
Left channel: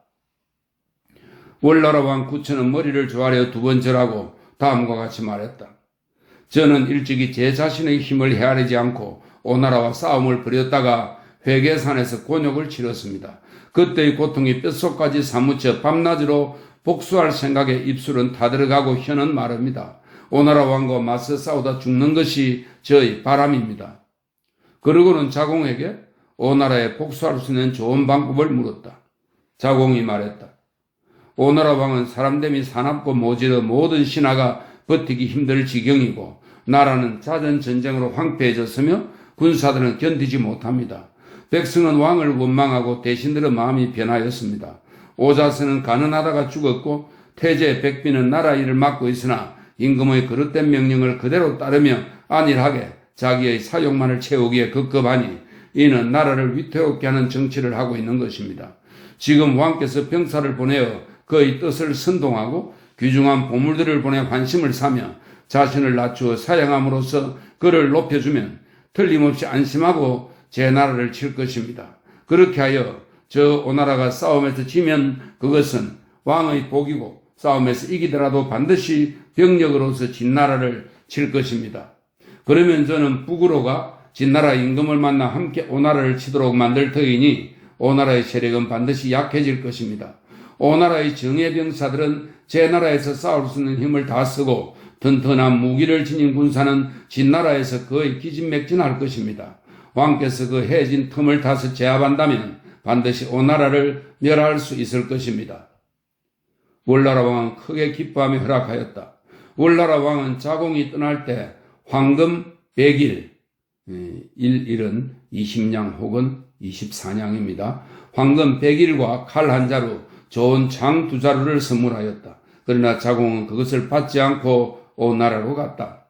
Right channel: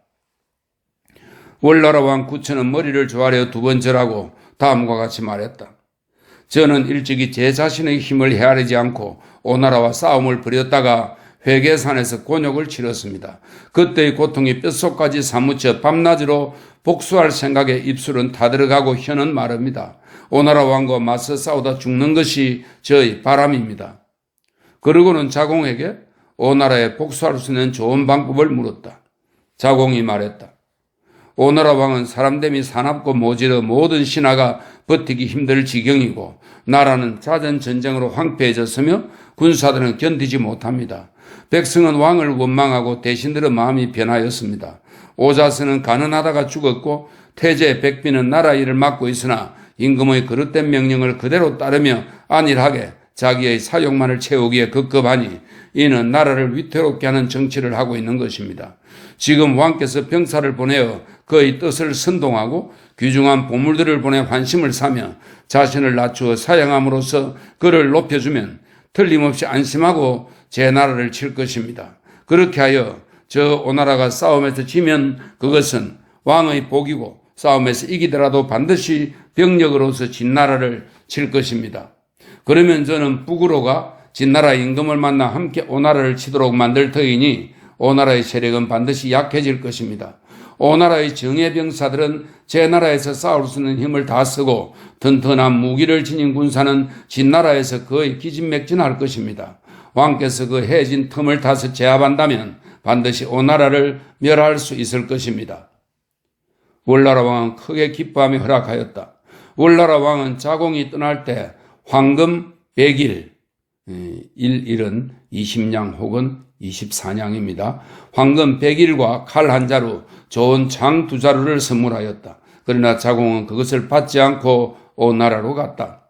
월나라 왕 구천은 머리를 조아려 두 번 절하고 다음과 같이 말했다. 저는 일찍이 제 자신의 힘을 헤아리지 않고 오나라와 싸움을 벌였다가 회계산에서 곤욕을 치렀습니다. 그때의 고통이 뼛속까지 사무쳐 밤낮으로 복수할 생각에 입술은 타들어가고 혀는 마릅니다. 오나라 왕과 맞서 싸우다 죽는 것이 저의 바람입니다. 그러고는 자공에게 오나라에 복수할 수 있는 좋은 방법을 물었다. 자공이 말했다. 오나라 왕은 사람됨이 사납고 모질어 모든 신하가 버티기 힘들 지경이고 나라는 잦은 전쟁으로 황폐해졌으며 군사들은 견디지 못합니다. 백성은 왕을 원망하고 대신들의 마음이 변하였습니다. 오자스는 가난하다가 죽었고 태제 백비는 나라 일을 맡고 있으나 임금의 그릇된 명령을 그대로 따르며 안일하게 자기의 사욕만을 채우기에 급급하니 이는 나라를 위태롭게 하는 정치를 하고 있는 것입니다. 지금 왕께서 병사를 보내어 그의 뜻을 선동하고 귀중한 보물들을 보내 환심을 사며 자신을 낮추어 사양함으로써 그를 높여주면 틀림없이 안심하고 제 나라를 칠 것입니다. 그렇게 하여 저 오나라가 싸움에서 지면 그것은 왕의 복이고 싸움에서 이기더라도 반드시 병력으로서 진나라를 칠 것입니다. 그러면 저는 북으로가 진나라 임금을 만나 함께 오나라를 치도록 만들 터이니 오나라의 세력은 반드시 약해질 것입니다. 오나라의 정예병사들은 제 나라에서 싸울 수 있는 힘을 다 쓰고 튼튼한 무기를 지닌 군사는 진나라에서 거의 기진맥진할 것입니다. 왕께서 그 해진 틈을 타서 제압한다면 반드시 오나라를 멸할 수 있을 것입니다. 월나라 왕은 크게 기뻐하며 허락하였다. 월나라 왕은 자공이 떠날 때 황금 100일, 1일은 20냥 혹은 24냥입니다. 황금 100일과 칼 한 자루, 좋은 장 2자루를 선물하였다. 그러나 자공은 그것을 받지 않고 오나라로 갔다.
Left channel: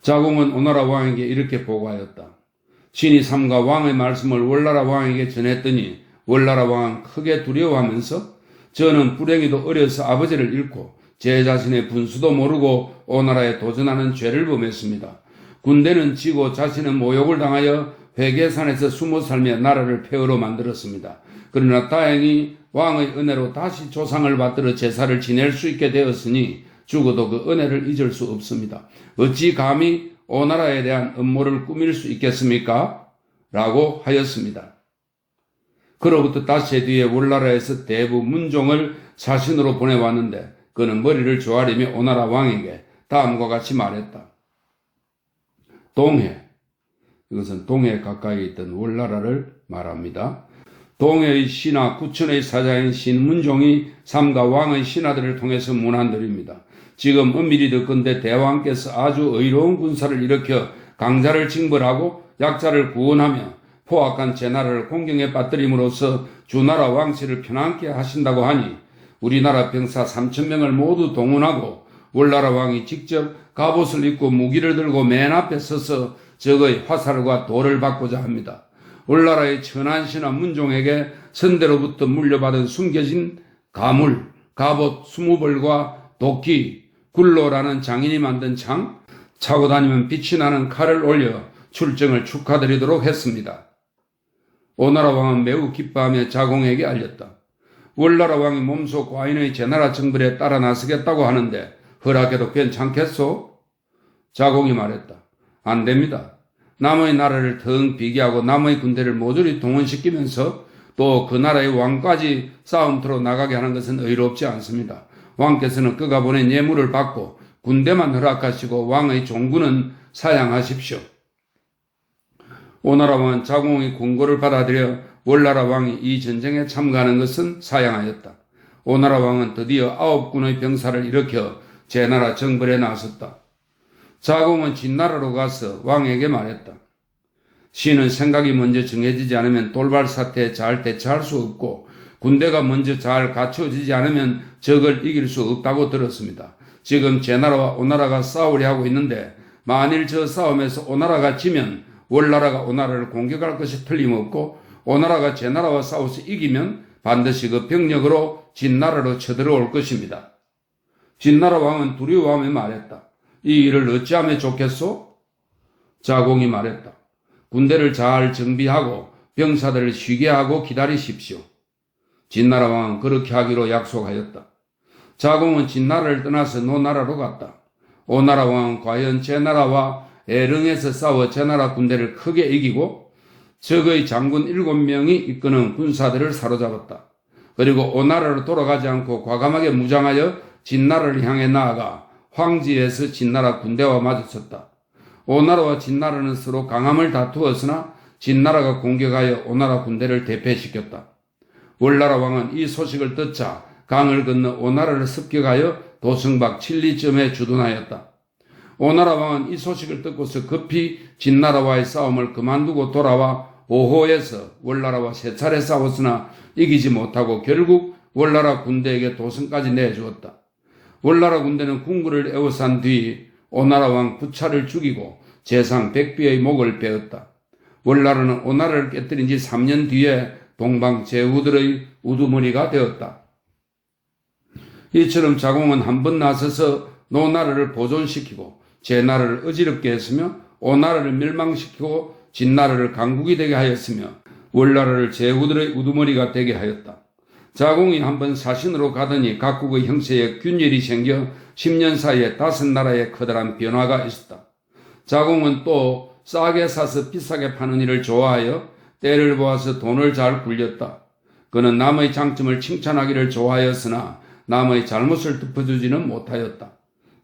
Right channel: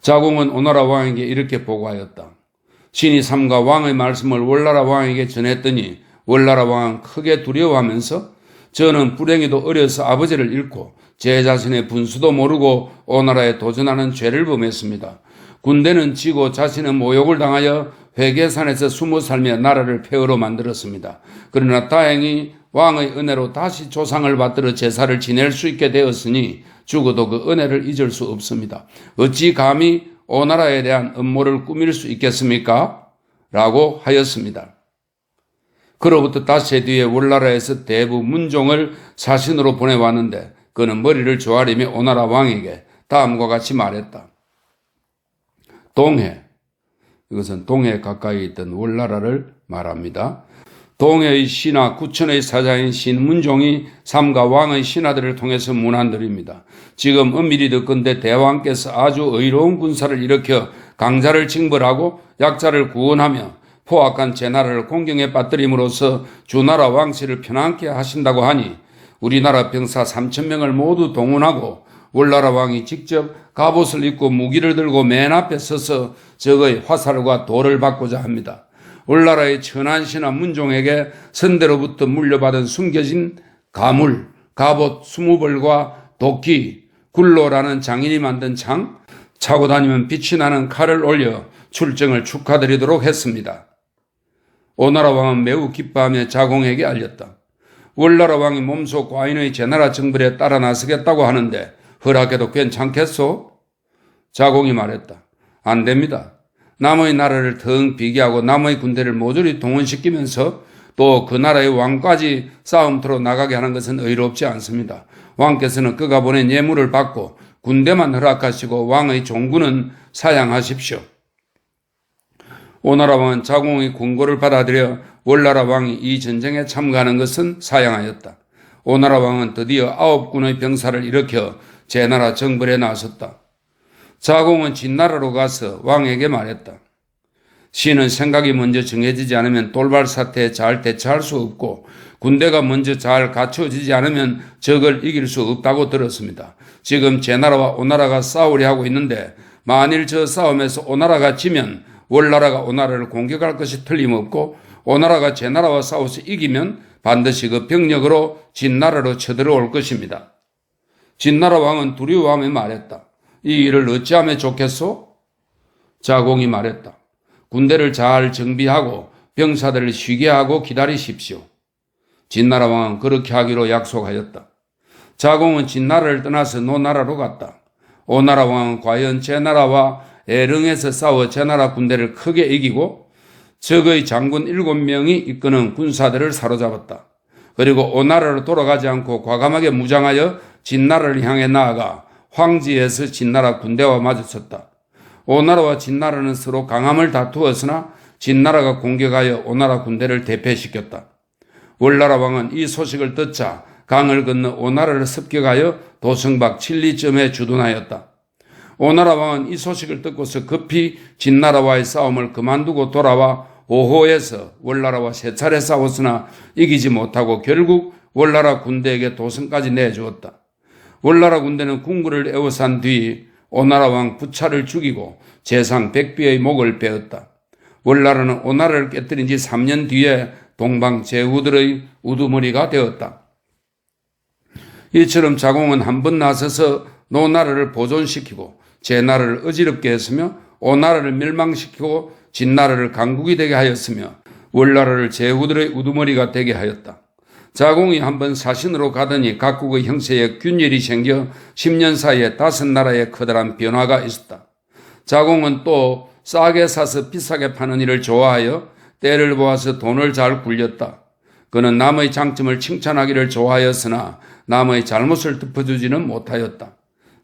자공은 오나라 왕에게 이렇게 보고하였다. 신이 삼가 왕의 말씀을 월나라 왕에게 전했더니 월나라 왕은 크게 두려워하면서 저는 불행히도 어려서 아버지를 잃고 제 자신의 분수도 모르고 오나라에 도전하는 죄를 범했습니다. 군대는 지고 자신은 모욕을 당하여 회계산에서 숨어 살며 나라를 폐허로 만들었습니다. 그러나 다행히 왕의 은혜로 다시 조상을 받들어 제사를 지낼 수 있게 되었으니 죽어도 그 은혜를 잊을 수 없습니다. 어찌 감히 오나라에 대한 음모를 꾸밀 수 있겠습니까? 라고 하였습니다. 그로부터 닷새 뒤에 월나라에서 대부 문종을 사신으로 보내왔는데 그는 머리를 조아리며 오나라 왕에게 다음과 같이 말했다. 동해, 이것은 동해 가까이 있던 월나라를 말합니다. 동해의 신하 구천의 사자인 신문종이 삼가 왕의 신하들을 통해서 문안드립니다. 지금 은밀히 듣건대 대왕께서 아주 의로운 군사를 일으켜 강자를 징벌하고 약자를 구원하며 포악한 제 나라를 공경에 빠뜨림으로써 주나라 왕실을 편안케 하신다고 하니 우리나라 병사 3,000명을 모두 동원하고 월나라 왕이 직접 갑옷을 입고 무기를 들고 맨 앞에 서서 적의 화살과 돌을 받고자 합니다. 월나라의 천한 신하 문종에게 선대로부터 물려받은 숨겨진 가물, 갑옷 20벌과 도끼, 굴로라는 장인이 만든 창, 차고 다니면 빛이 나는 칼을 올려 출정을 축하드리도록 했습니다. 오나라 왕은 매우 기뻐하며 자공에게 알렸다. 월나라 왕이 몸소 과인의 제나라 정벌에 따라 나서겠다고 하는데 허락해도 괜찮겠소? 자공이 말했다. 안 됩니다. 남의 나라를 腾비교하고 남의 군대를 모조리 동원시키면서 또 그 나라의 왕까지 싸움터로 나가게 하는 것은 의롭지 않습니다. 왕께서는 그가 보낸 예물을 받고 군대만 허락하시고 왕의 종군은 사양하십시오. 오나라 왕은 자공의 공고를 받아들여 월나라 왕이 이 전쟁에 참가하는 것은 사양하였다. 오나라 왕은 드디어 9군의 병사를 일으켜 제나라 정벌에 나섰다. 자공은 진나라로 가서 왕에게 말했다. 신은 생각이 먼저 정해지지 않으면 돌발 사태에 잘 대처할 수 없고 군대가 먼저 잘 갖춰지지 않으면 적을 이길 수 없다고 들었습니다. 지금 제나라와 오나라가 싸우려 하고 있는데 만일 저 싸움에서 오나라가 지면 월나라가 오나라를 공격할 것이 틀림없고 오나라가 제나라와 싸워서 이기면 반드시 그 병력으로 진나라로 쳐들어올 것입니다. 진나라 왕은 두려워하며 말했다. 이 일을 어찌하면 좋겠소? 자공이 말했다. 군대를 잘 정비하고 병사들을 쉬게 하고 기다리십시오. 진나라 왕은 그렇게 하기로 약속하였다. 자공은 진나라를 떠나서 노나라로 갔다. 오나라 왕은 과연 제나라와 에릉에서 싸워 제나라 군대를 크게 이기고 적의 장군 7명이 이끄는 군사들을 사로잡았다. 그리고 오나라로 돌아가지 않고 과감하게 무장하여 진나라를 향해 나아가 황지에서 진나라 군대와 마주쳤다. 오나라와 진나라는 서로 강함을 다투었으나 진나라가 공격하여 오나라 군대를 대패시켰다. 월나라 왕은 이 소식을 듣자 강을 건너 오나라를 습격하여 도성박 칠리점에 주둔하였다. 오나라 왕은 이 소식을 듣고서 급히 진나라와의 싸움을 그만두고 돌아와 오호에서 월나라와 3차례 싸웠으나 이기지 못하고 결국 월나라 군대에게 도성까지 내주었다. 월나라 군대는 궁궐을 에워싼 뒤 오나라 왕 부차를 죽이고 재상 백비의 목을 베었다. 월나라는 오나라를 깨뜨린 지 3년 뒤에 동방 제후들의 우두머리가 되었다. 이처럼 자공은 한 번 나서서 노나라를 보존시키고 제나라를 어지럽게 했으며 오나라를 멸망시키고 진나라를 강국이 되게 하였으며 월나라를 제후들의 우두머리가 되게 하였다. 자공이 한번 사신으로 가더니 각국의 형세에 균열이 생겨 10년 사이에 5나라에 커다란 변화가 있었다. 자공은 또 싸게 사서 비싸게 파는 일을 좋아하여 때를 보아서 돈을 잘 굴렸다. 그는 남의 장점을 칭찬하기를 좋아하였으나 남의 잘못을 덮어주지는 못하였다.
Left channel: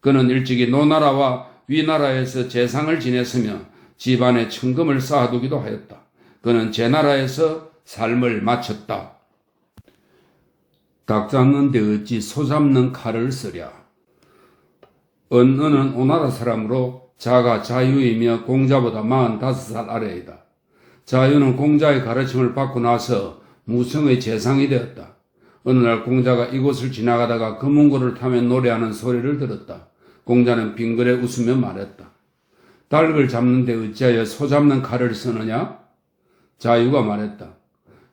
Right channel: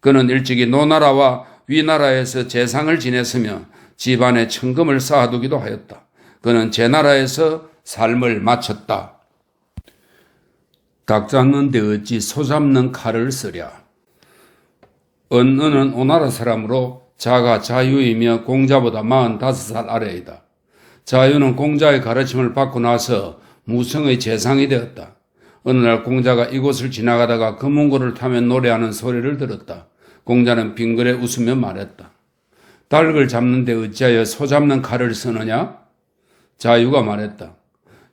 그는 일찍이 노나라와 위나라에서 제상을 지냈으며 집안에 천금을 쌓아두기도 하였다. 그는 제 나라에서 삶을 마쳤다. 닭 잡는데 어찌 소 잡는 칼을 쓰랴. 은은 오나라 사람으로 자가 자유이며 공자보다 45살 아래이다. 자유는 공자의 가르침을 받고 나서 무성의 재상이 되었다. 어느 날 공자가 이곳을 지나가다가 금운고를 타며 노래하는 소리를 들었다. 공자는 빙그레 웃으며 말했다. 닭을 잡는데 어찌하여 소 잡는 칼을 쓰느냐? 자유가 말했다.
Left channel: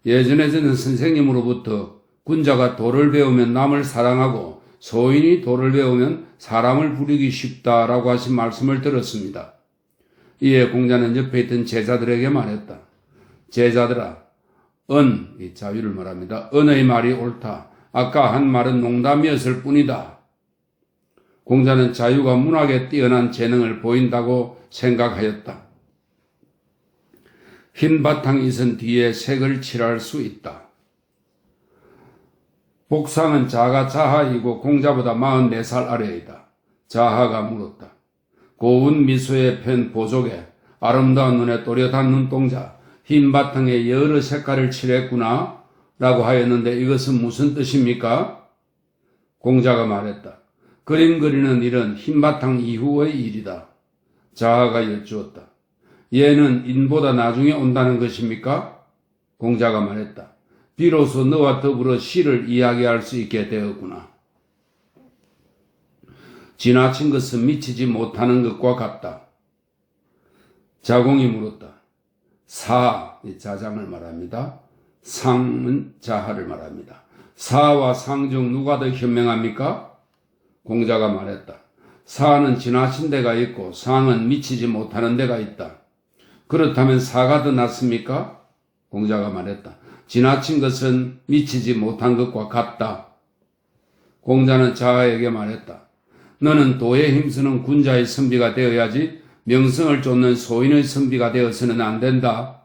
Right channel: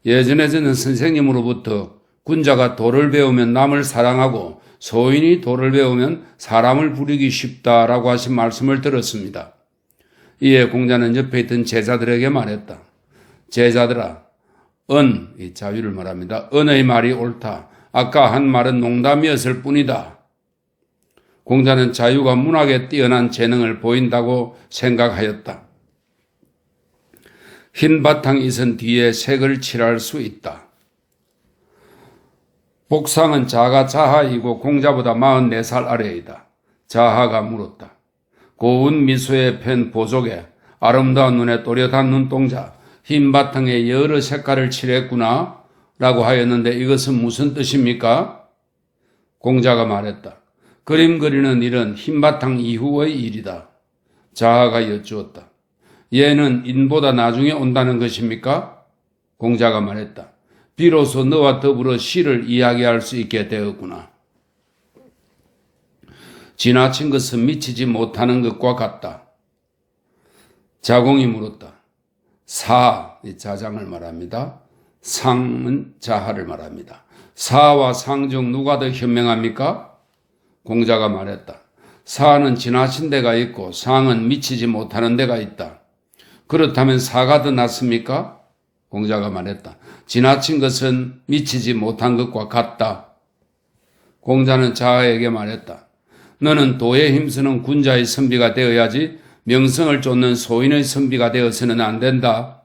예전에는 선생님으로부터 군자가 도를 배우면 남을 사랑하고 소인이 도를 배우면 사람을 부리기 쉽다라고 하신 말씀을 들었습니다. 이에 공자는 옆에 있던 제자들에게 말했다. 제자들아, 이 자유를 말합니다. 은의 말이 옳다. 아까 한 말은 농담이었을 뿐이다. 공자는 자유가 문학에 뛰어난 재능을 보인다고 생각하였다. 흰 바탕 있은 뒤에 색을 칠할 수 있다. 복상은 자가 자하이고 공자보다 44살 아래이다. 자하가 물었다. 고운 미소에 편 보조개, 아름다운 눈에 또렷한 눈동자, 흰 바탕에 여러 색깔을 칠했구나 라고 하였는데 이것은 무슨 뜻입니까? 공자가 말했다. 그림 그리는 일은 흰 바탕 이후의 일이다. 자하가 여쭈었다. 얘는 인보다 나중에 온다는 것입니까? 공자가 말했다. 비로소 너와 더불어 시를 이야기할 수 있게 되었구나. 지나친 것은 미치지 못하는 것과 같다. 자공이 물었다. 자장을 말합니다. 상은 자하를 말합니다. 사와 상 중 누가 더 현명합니까? 공자가 말했다. 사는 지나친 데가 있고 상은 미치지 못하는 데가 있다. 그렇다면 사가 더 낫습니까? 공자가 말했다. 지나친 것은 미치지 못한 것과 같다. 공자는 자하에게 말했다. 너는 도에 힘쓰는 군자의 선비가 되어야지 명성을 쫓는 소인의 선비가 되어서는 안 된다.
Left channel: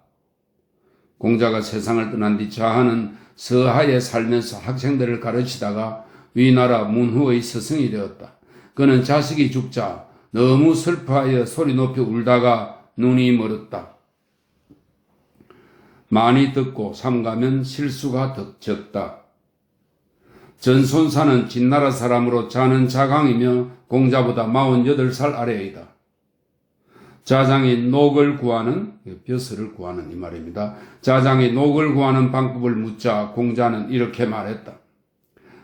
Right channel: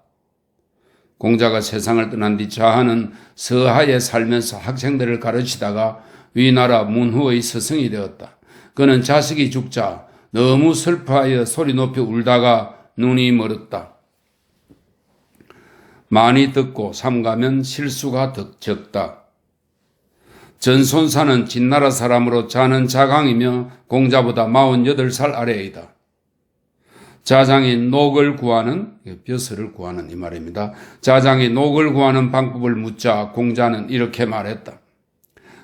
공자가 세상을 떠난 뒤 자하는 서하에 살면서 학생들을 가르치다가 위나라 문후의 스승이 되었다. 그는 자식이 죽자 너무 슬퍼하여 소리 높이 울다가 눈이 멀었다. 많이 듣고 삼가면 실수가 적다. 전손사는 진나라 사람으로 자는 자강이며 공자보다 48살 아래이다. 자장이 녹을 구하는, 벼슬을 구하는 이 말입니다. 자장이 녹을 구하는 방법을 묻자 공자는 이렇게 말했다.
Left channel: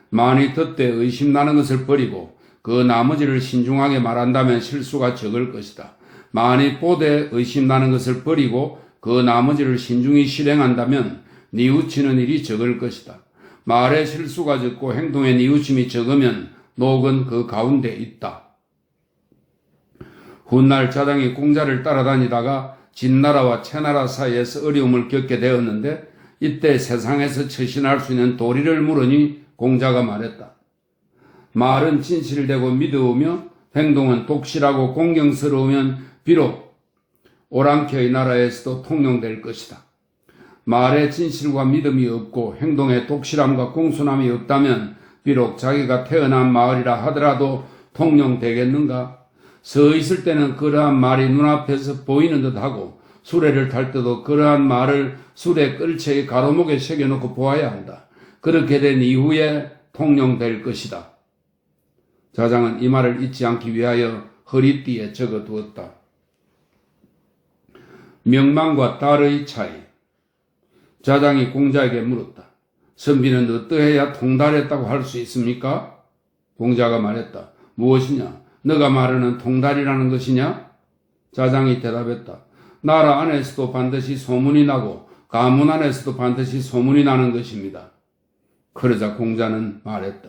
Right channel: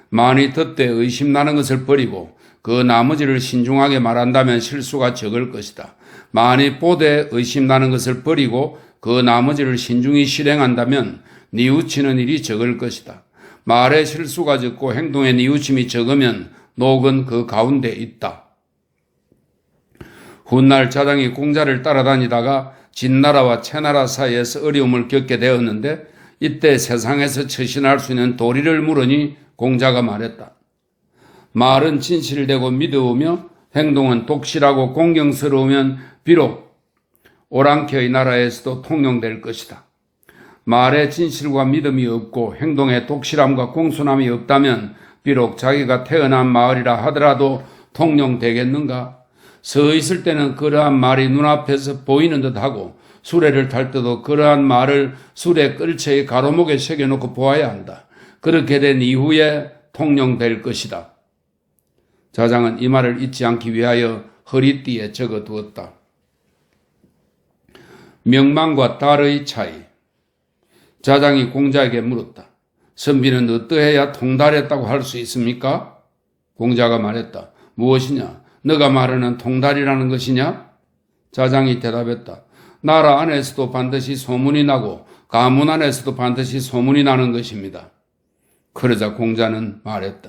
많이 듣되 의심나는 것을 버리고 그 나머지를 신중하게 말한다면 실수가 적을 것이다. 많이 보되 의심나는 것을 버리고 그 나머지를 신중히 실행한다면 뉘우치는 일이 적을 것이다. 말에 실수가 적고 행동에 뉘우침이 적으면 녹은 그 가운데 있다. 훗날 자장이 공자를 따라다니다가 진나라와 채나라 사이에서 어려움을 겪게 되었는데 이때 세상에서 처신할 수 있는 도리를 물으니 공자가 말했다. 말은 진실되고 믿어오며 행동은 독실하고 공경스러우면 비록 오랑캐의 나라에서도 통용될 것이다. 말에 진실과 믿음이 없고 행동에 독실함과 공손함이 없다면 비록 자기가 태어난 마을이라 하더라도 통용되겠는가? 서 있을 때는 그러한 말이 눈앞에서 보이는 듯하고 수레를 탈 때도 그러한 말을 수레 끌채의 가로목에 새겨놓고 보아야 한다. 그렇게 된 이후에 통용될 것이다. 자장은 이 말을 잊지 않기 위하여 허리띠에 적어두었다. 명망과 달의 차이. 자장이 공자에게 물었다. 선비는 어떠해야 통달했다고 할 수 있습니까? 공자가 말했다. 무엇이냐? 너가 말하는 통달이라는 것이냐? 자장이 대답했다. 나라 안에서도 반드시 소문이 나고 가문 안에서도 반드시 소문이 나는 것입니다. 그러자 공자는 말했다.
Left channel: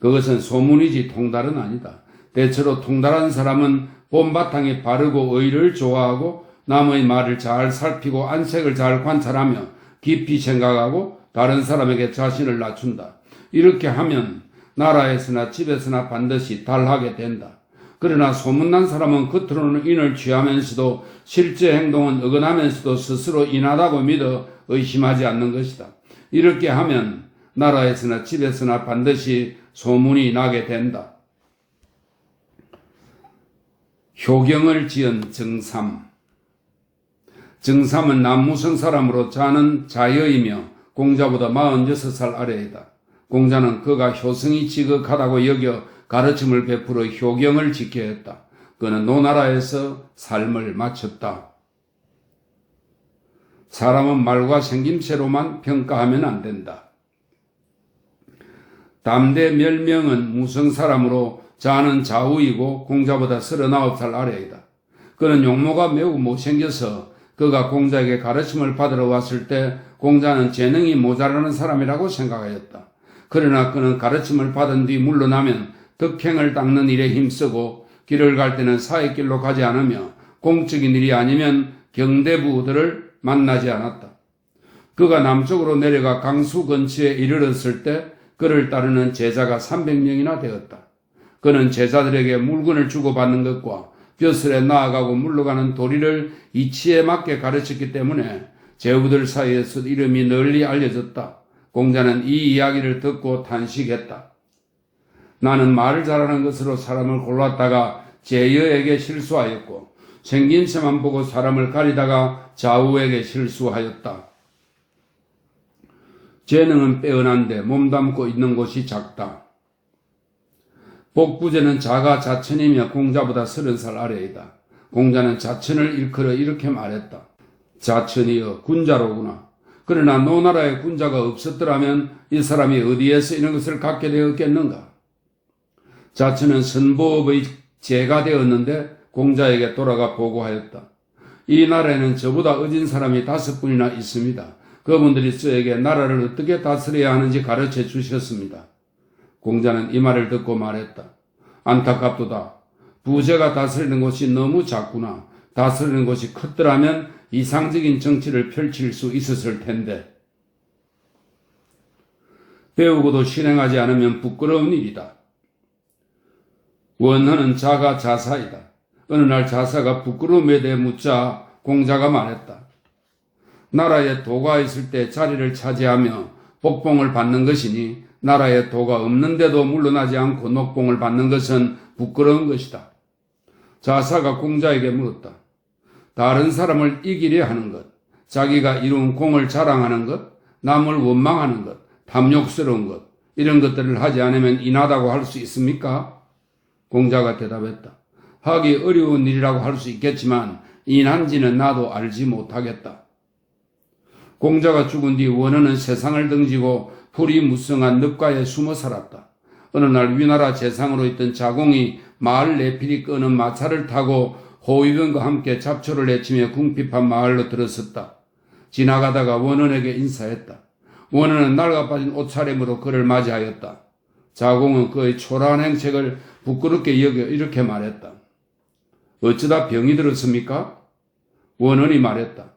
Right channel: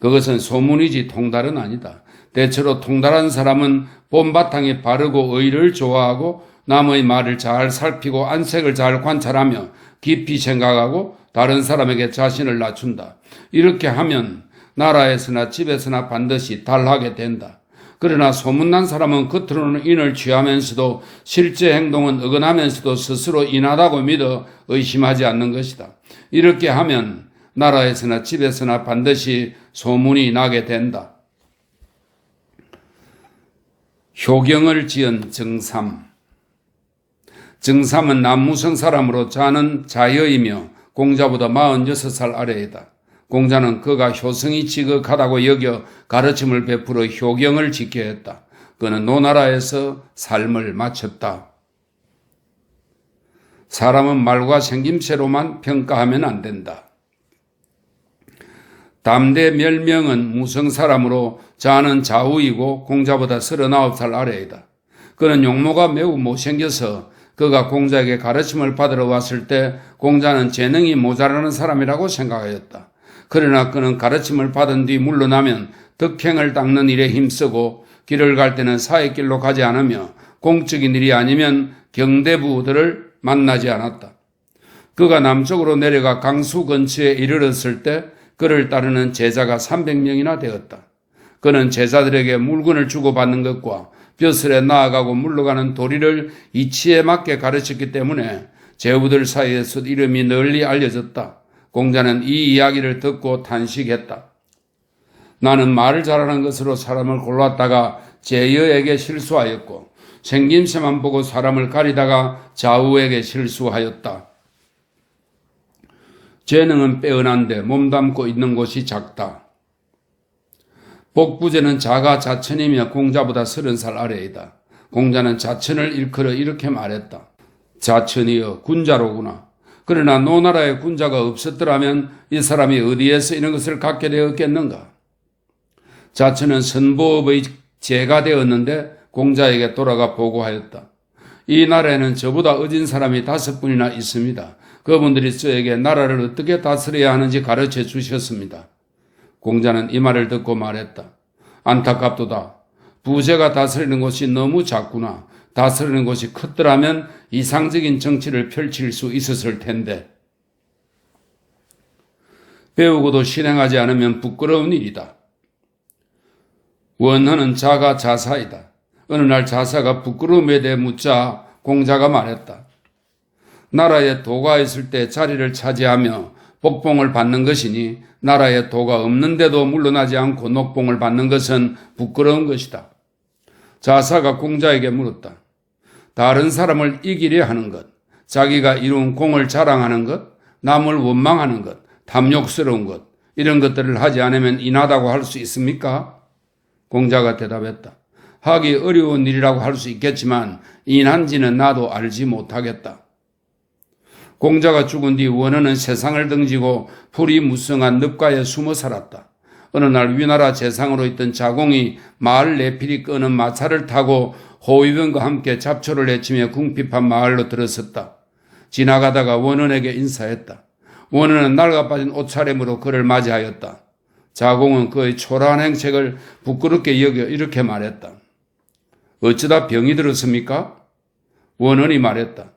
그것은 소문이지 통달은 아니다. 대체로 통달한 사람은 본바탕이 바르고 의를 좋아하고 남의 말을 잘 살피고 안색을 잘 관찰하며 깊이 생각하고 다른 사람에게 자신을 낮춘다. 이렇게 하면 나라에서나 집에서나 반드시 달하게 된다. 그러나 소문난 사람은 겉으로는 인을 취하면서도 실제 행동은 어긋나면서도 스스로 인하다고 믿어 의심하지 않는 것이다. 이렇게 하면 나라에서나 집에서나 반드시 소문이 나게 된다. 효경을 지은 정삼. 정삼은 남무성 사람으로 자는 자여이며 공자보다 46살 아래이다. 공자는 그가 효성이 지극하다고 여겨 가르침을 베풀어 효경을 지켜야 했다. 그는 노나라에서 삶을 마쳤다. 사람은 말과 생김새로만 평가하면 안 된다. 담대 멸명은 무성 사람으로 자는 자우이고 공자보다 39살 아래이다. 그는 용모가 매우 못생겨서 그가 공자에게 가르침을 받으러 왔을 때 공자는 재능이 모자라는 사람이라고 생각하였다. 그러나 그는 가르침을 받은 뒤 물러나면 덕행을 닦는 일에 힘쓰고 길을 갈 때는 사익길로 가지 않으며 공적인 일이 아니면 경대부들을 만나지 않았다. 그가 남쪽으로 내려가 강수 근처에 이르렀을 때 그를 따르는 제자가 300명이나 되었다. 그는 제자들에게 물건을 주고받는 것과 벼슬에 나아가고 물러가는 도리를 이치에 맞게 가르쳤기 때문에 제후들 사이에서 이름이 널리 알려졌다. 공자는 이 이야기를 듣고 탄식했다. 나는 말을 잘하는 것으로 사람을 골랐다가 제여에게 실수하였고 생김새만 보고 사람을 가리다가 좌우에게 실수하였다. 재능은 빼어난데 몸담고 있는 곳이 작다. 복부제는 자가 자천이며 공자보다 30살 아래이다. 공자는 자천을 일컬어 이렇게 말했다. 자천이여 군자로구나. 그러나 노나라에 군자가 없었더라면 이 사람이 어디에서 이런 것을 갖게 되었겠는가. 자천은 선보업의 제가 되었는데 공자에게 돌아가 보고하였다. 이 나라에는 저보다 어진 사람이 5분이나 있습니다. 그분들이 저에게 나라를 어떻게 다스려야 하는지 가르쳐 주셨습니다. 공자는 이 말을 듣고 말했다. 안타깝도다. 부제가 다스리는 곳이 너무 작구나. 다스리는 곳이 컸더라면 이상적인 정치를 펼칠 수 있었을 텐데. 배우고도 실행하지 않으면 부끄러운 일이다. 원헌은 자가 자사이다. 어느 날 자사가 부끄러움에 대해 묻자 공자가 말했다. 나라에 도가 있을 때 자리를 차지하며 복봉을 받는 것이니 나라에 도가 없는데도 물러나지 않고 녹봉을 받는 것은 부끄러운 것이다. 자사가 공자에게 물었다. 다른 사람을 이기려 하는 것, 자기가 이룬 공을 자랑하는 것, 남을 원망하는 것, 탐욕스러운 것, 이런 것들을 하지 않으면 인하다고 할 수 있습니까? 공자가 대답했다. 하기 어려운 일이라고 할 수 있겠지만 인한지는 나도 알지 못하겠다. 공자가 죽은 뒤 원헌은 세상을 등지고 풀이 무성한 늪가에 숨어 살았다. 어느 날 위나라 재상으로 있던 자공이 마을 내필이 끄는 마차를 타고 호위병과 함께 잡초를 내치며 궁핍한 마을로 들어섰다. 지나가다가 원헌에게 인사했다. 원헌은 낡아빠진 옷차림으로 그를 맞이하였다. 자공은 그의 초라한 행색을 부끄럽게 여겨 이렇게 말했다. 어쩌다 병이 들었습니까? 원헌이 말했다.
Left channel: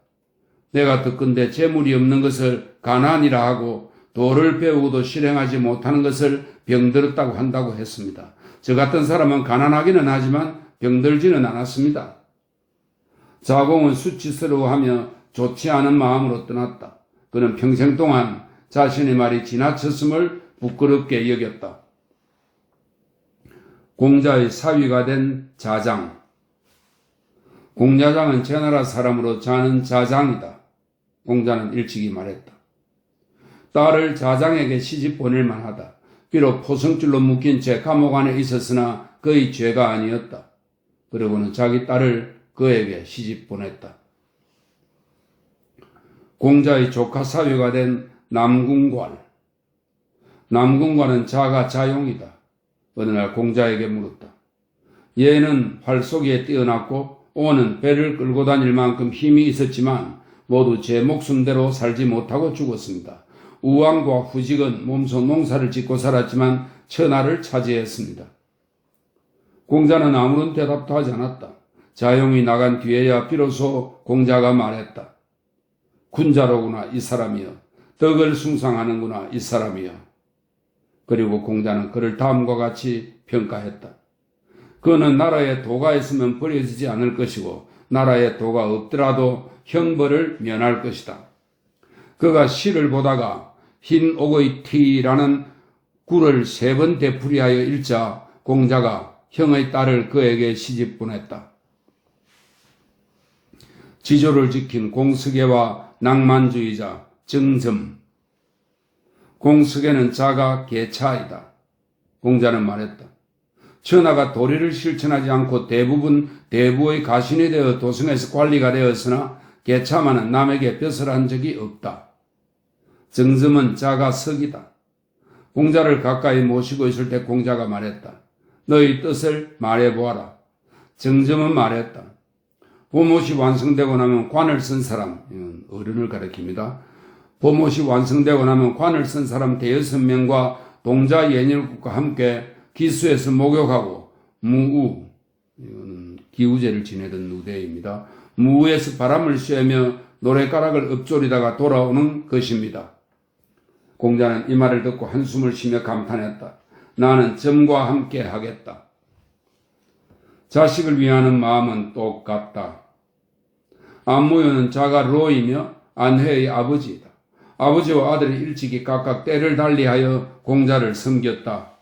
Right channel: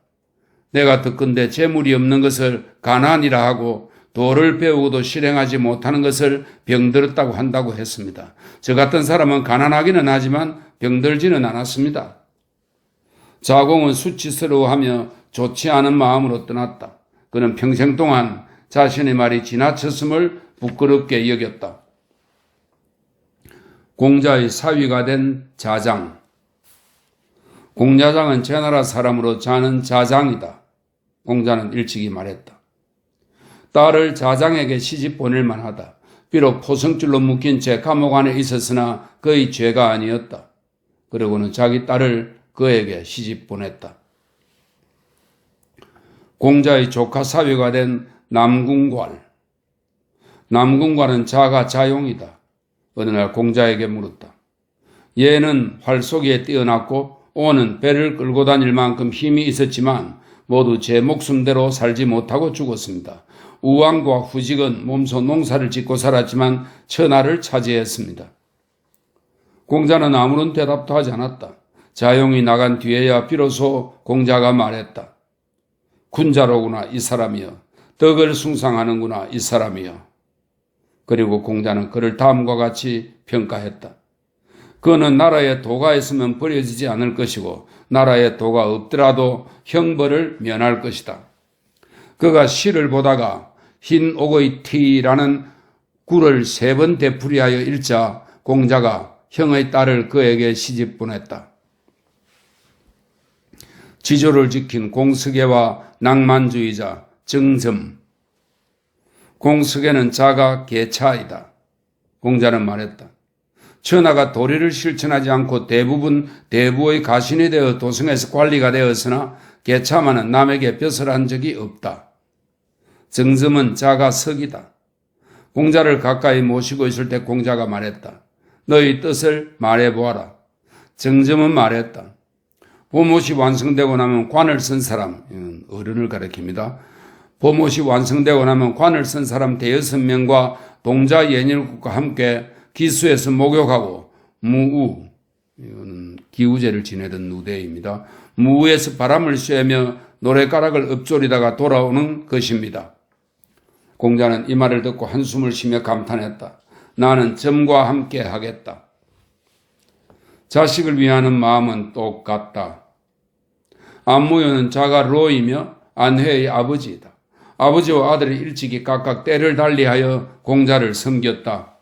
내가 듣건대 재물이 없는 것을 가난이라 하고 도를 배우고도 실행하지 못하는 것을 병들었다고 한다고 했습니다. 저 같은 사람은 가난하기는 하지만 병들지는 않았습니다. 자공은 수치스러워하며 좋지 않은 마음으로 떠났다. 그는 평생 동안 자신의 말이 지나쳤음을 부끄럽게 여겼다. 공자의 사위가 된 자장. 공자장은 제나라 사람으로 자는 자장이다. 공자는 일찍이 말했다. 딸을 자장에게 시집 보낼 만하다. 비록 포성줄로 묶인 채 감옥 안에 있었으나 그의 죄가 아니었다. 그리고는 자기 딸을 그에게 시집 보냈다. 공자의 조카 사위가 된 남궁괄. 남궁괄은 자가 자용이다. 어느 날 공자에게 물었다. 얘는 활쏘기에 뛰어났고 오는 배를 끌고 다닐 만큼 힘이 있었지만 모두 제 목숨대로 살지 못하고 죽었습니다. 우왕과 후직은 몸소 농사를 짓고 살았지만 천하를 차지했습니다. 공자는 아무런 대답도 하지 않았다. 자용이 나간 뒤에야 비로소 공자가 말했다. 군자로구나 이 사람이여. 덕을 숭상하는구나 이 사람이여. 그리고 공자는 그를 다음과 같이 평가했다. 그는 나라에 도가 있으면 버려지지 않을 것이고 나라에 도가 없더라도 형벌을 면할 것이다. 그가 시를 보다가 흰 옥의 티라는 굴을 3번 되풀이하여 읽자 공자가 형의 딸을 그에게 시집 보냈다. 지조를 지킨 공석애와 낭만주의자 정점. 공석애는 자가 계차이다. 공자는 말했다. 천하가 도리를 실천하지 않고 대부분 대부의 가신이 되어 도성에서 관리가 되었으나 계차만은 남에게 벼슬 한 적이 없다. 정점은 자가 석이다. 공자를 가까이 모시고 있을 때 공자가 말했다. 너희 뜻을 말해보아라. 정점은 말했다. 보못이 완성되고 나면 관을 쓴 사람, 어른을 가리킵니다. 보못이 완성되고 나면 관을 쓴 사람 대여섯 명과 동자 예닐국과 함께 기수에서 목욕하고 무우, 이건 기우제를 지내던 누대입니다. 무우에서 바람을 쐬며 노랫가락을 읊조리다가 돌아오는 것입니다. 공자는 이 말을 듣고 한숨을 쉬며 감탄했다. 나는 점과 함께 하겠다. 자식을 위하는 마음은 똑같다. 안무효는 자가 로이며 안회의 아버지이다. 아버지와 아들이 일찍이 각각 때를 달리하여 공자를 섬겼다.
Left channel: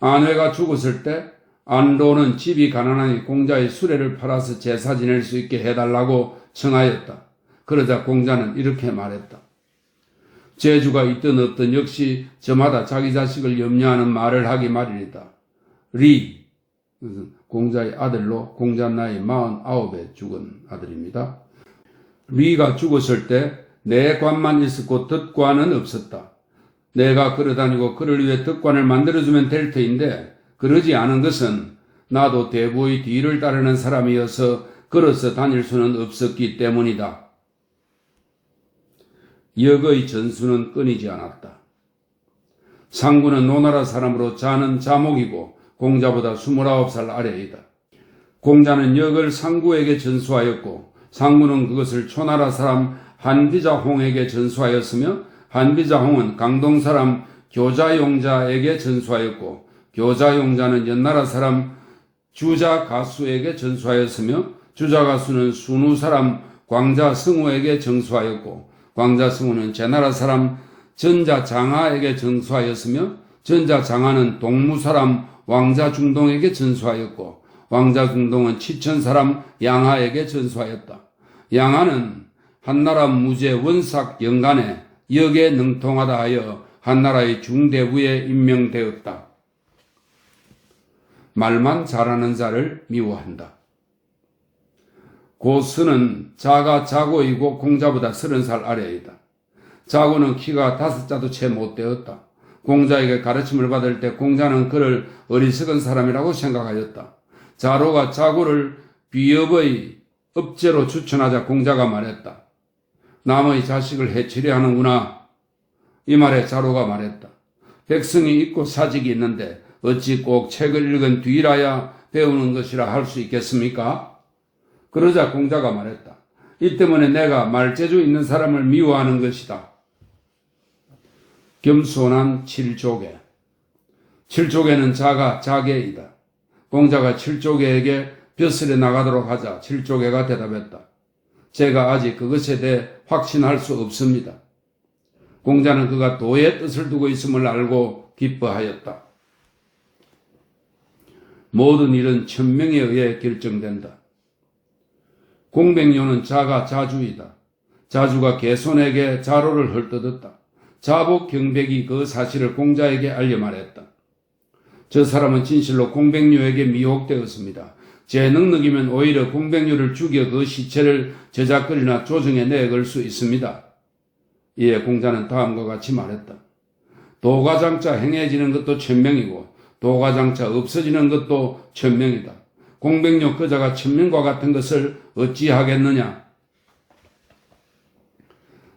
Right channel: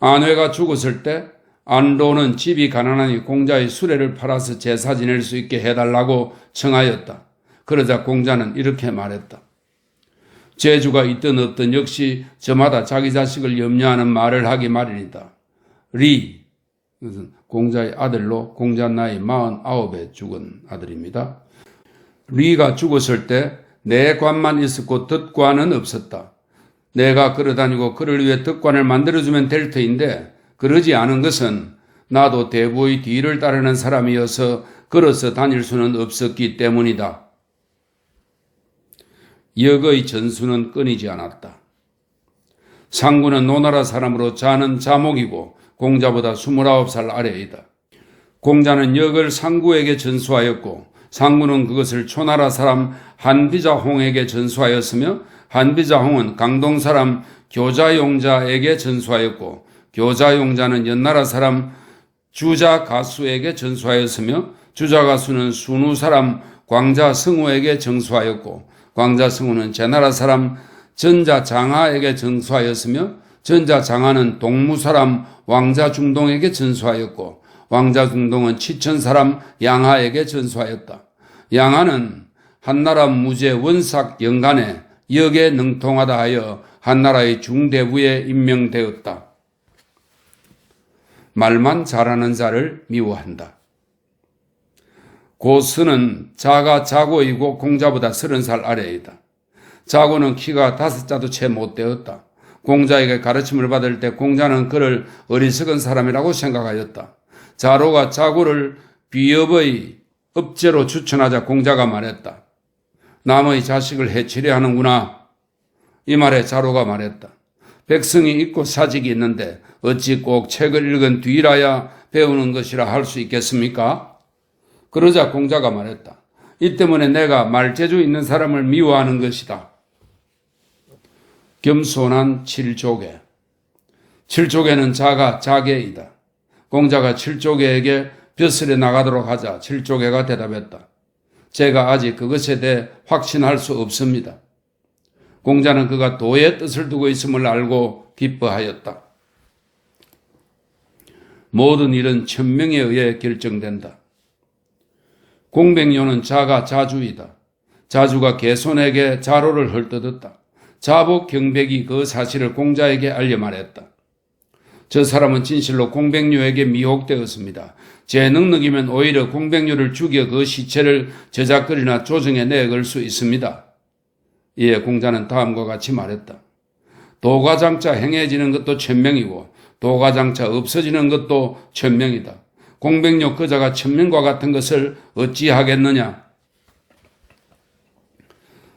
안회가 죽었을 때 안로는 집이 가난하니 공자의 수레를 팔아서 제사 지낼 수 있게 해달라고 청하였다. 그러자 공자는 이렇게 말했다. 재주가 있든 없든 역시 저마다 자기 자식을 염려하는 말을 하기 마련이다. 리, 공자의 아들로 공자 나이 49에 죽은 아들입니다. 리가 죽었을 때 내 관만 있었고 덫관은 없었다. 내가 걸어다니고 그를 위해 덫관을 만들어주면 될 터인데 그러지 않은 것은 나도 대부의 뒤를 따르는 사람이어서 걸어서 다닐 수는 없었기 때문이다. 역의 전수는 끊이지 않았다. 상구는 노나라 사람으로 자는 자목이고 공자보다 29살 아래이다. 공자는 역을 상구에게 전수하였고 상구는 그것을 초나라 사람 한비자홍에게 전수하였으며 한비자홍은 강동 사람 교자용자에게 전수하였고 교자용자는 연나라 사람 주자가수에게 전수하였으며 주자가수는 순우 사람 광자승우에게 전수하였고 광자승우는 제나라 사람 전자장하에게 전수하였으며 전자장하는 동무 사람 왕자중동에게 전수하였고 왕자중동은 치천 사람 양하에게 전수하였다. 양하는 한나라 무제 원삭 영간에 역에 능통하다 하여 한나라의 중대부에 임명되었다. 말만 잘하는 자를 미워한다. 고스는 자가 자고이고 공자보다 30살 아래이다. 자고는 키가 5자도 채 못 되었다. 공자에게 가르침을 받을 때 공자는 그를 어리석은 사람이라고 생각하였다. 자로가 자고를 비업의 업제로 추천하자 공자가 말했다. 남의 자식을 해치려 하는구나. 이 말에 자로가 말했다. 백성이 있고 사직이 있는데 어찌 꼭 책을 읽은 뒤라야 배우는 것이라 할 수 있겠습니까? 그러자 공자가 말했다. 이 때문에 내가 말재주 있는 사람을 미워하는 것이다. 겸손한 칠조개. 칠조개는 자가 자개이다. 공자가 칠조개에게 벼슬에 나가도록 하자 칠조개가 대답했다. 제가 아직 그것에 대해 확신할 수 없습니다. 공자는 그가 도의 뜻을 두고 있음을 알고 기뻐하였다. 모든 일은 천명에 의해 결정된다. 공백료는 자가 자주이다. 자주가 개손에게 자로를 헐뜯었다. 자복 경백이 그 사실을 공자에게 알려 말했다. 저 사람은 진실로 공백료에게 미혹되었습니다. 제 능력이면 오히려 공백료를 죽여 그 시체를 저작거리나 조정에 내걸 수 있습니다. 이에 공자는 다음과 같이 말했다. 도가장차 행해지는 것도 천명이고 도가장차 없어지는 것도 천명이다. 공백료 그자가 천명과 같은 것을 어찌하겠느냐.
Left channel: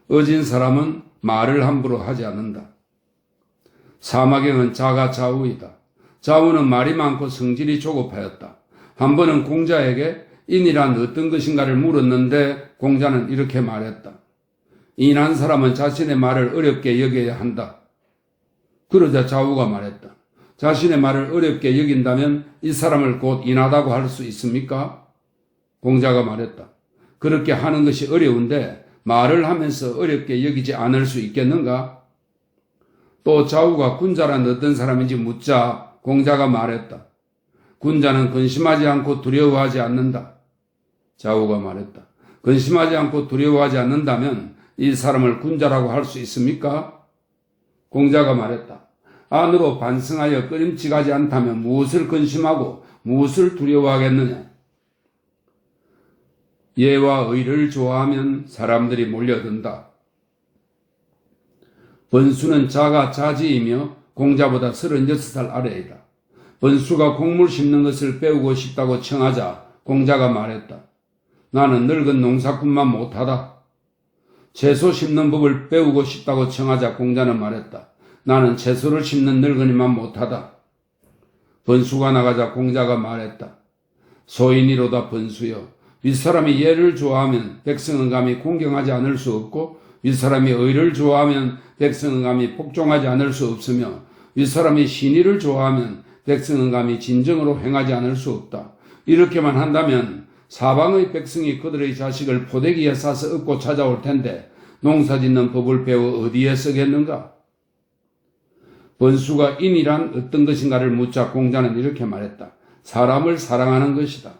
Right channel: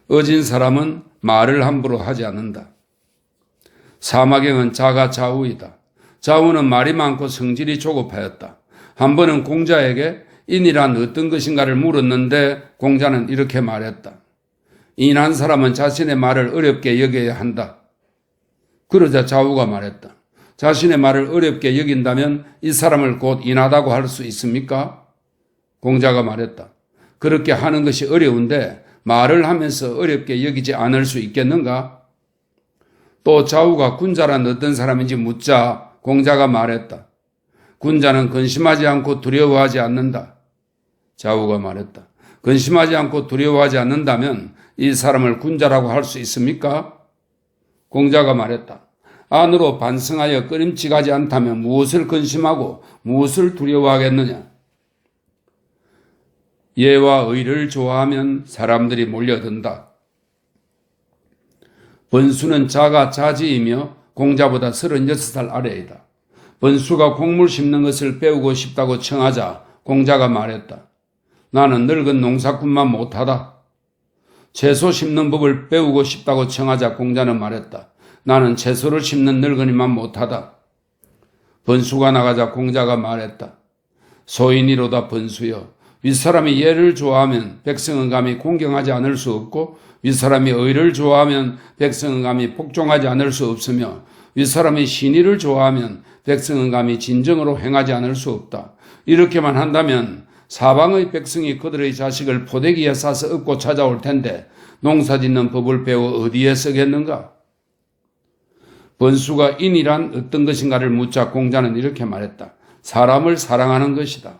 어진 사람은 말을 함부로 하지 않는다. 사마경은 자가 좌우이다. 좌우는 말이 많고 성질이 조급하였다. 한 번은 공자에게 인이란 어떤 것인가를 물었는데 공자는 이렇게 말했다. 인한 사람은 자신의 말을 어렵게 여겨야 한다. 그러자 좌우가 말했다. 자신의 말을 어렵게 여긴다면 이 사람을 곧 인하다고 할 수 있습니까? 공자가 말했다. 그렇게 하는 것이 어려운데 말을 하면서 어렵게 여기지 않을 수 있겠는가? 또 좌우가 군자란 어떤 사람인지 묻자 공자가 말했다. 군자는 근심하지 않고 두려워하지 않는다. 좌우가 말했다. 근심하지 않고 두려워하지 않는다면 이 사람을 군자라고 할 수 있습니까? 공자가 말했다. 안으로 반성하여 꺼림칙하지 않다면 무엇을 근심하고 무엇을 두려워하겠느냐? 예와 의를 좋아하면 사람들이 몰려든다. 번수는 자가 자지이며 공자보다 36살 아래이다. 번수가 곡물 심는 것을 배우고 싶다고 청하자 공자가 말했다. 나는 늙은 농사꾼만 못하다. 채소 심는 법을 배우고 싶다고 청하자 공자는 말했다. 나는 채소를 심는 늙은이만 못하다. 번수가 나가자 공자가 말했다. 소인이로다 번수여. 윗사람이 예를 좋아하면 백성은 감히 공경하지 않을 수 없고 윗사람이 의를 좋아하면 백성은 감히 복종하지 않을 수 없으며 윗사람이 신의를 좋아하면 백성은 감히 진정으로 행하지 않을 수 없다. 이렇게만 한다면 사방의 백성이 그들의 자식을 포대기에 싸서 얻고 찾아올 텐데 농사짓는 법을 배워 어디에 쓰겠는가? 번수가 인이란 어떤 것인가를 묻자 공자는 이렇게 말했다. 사람을 사랑하는 것이다.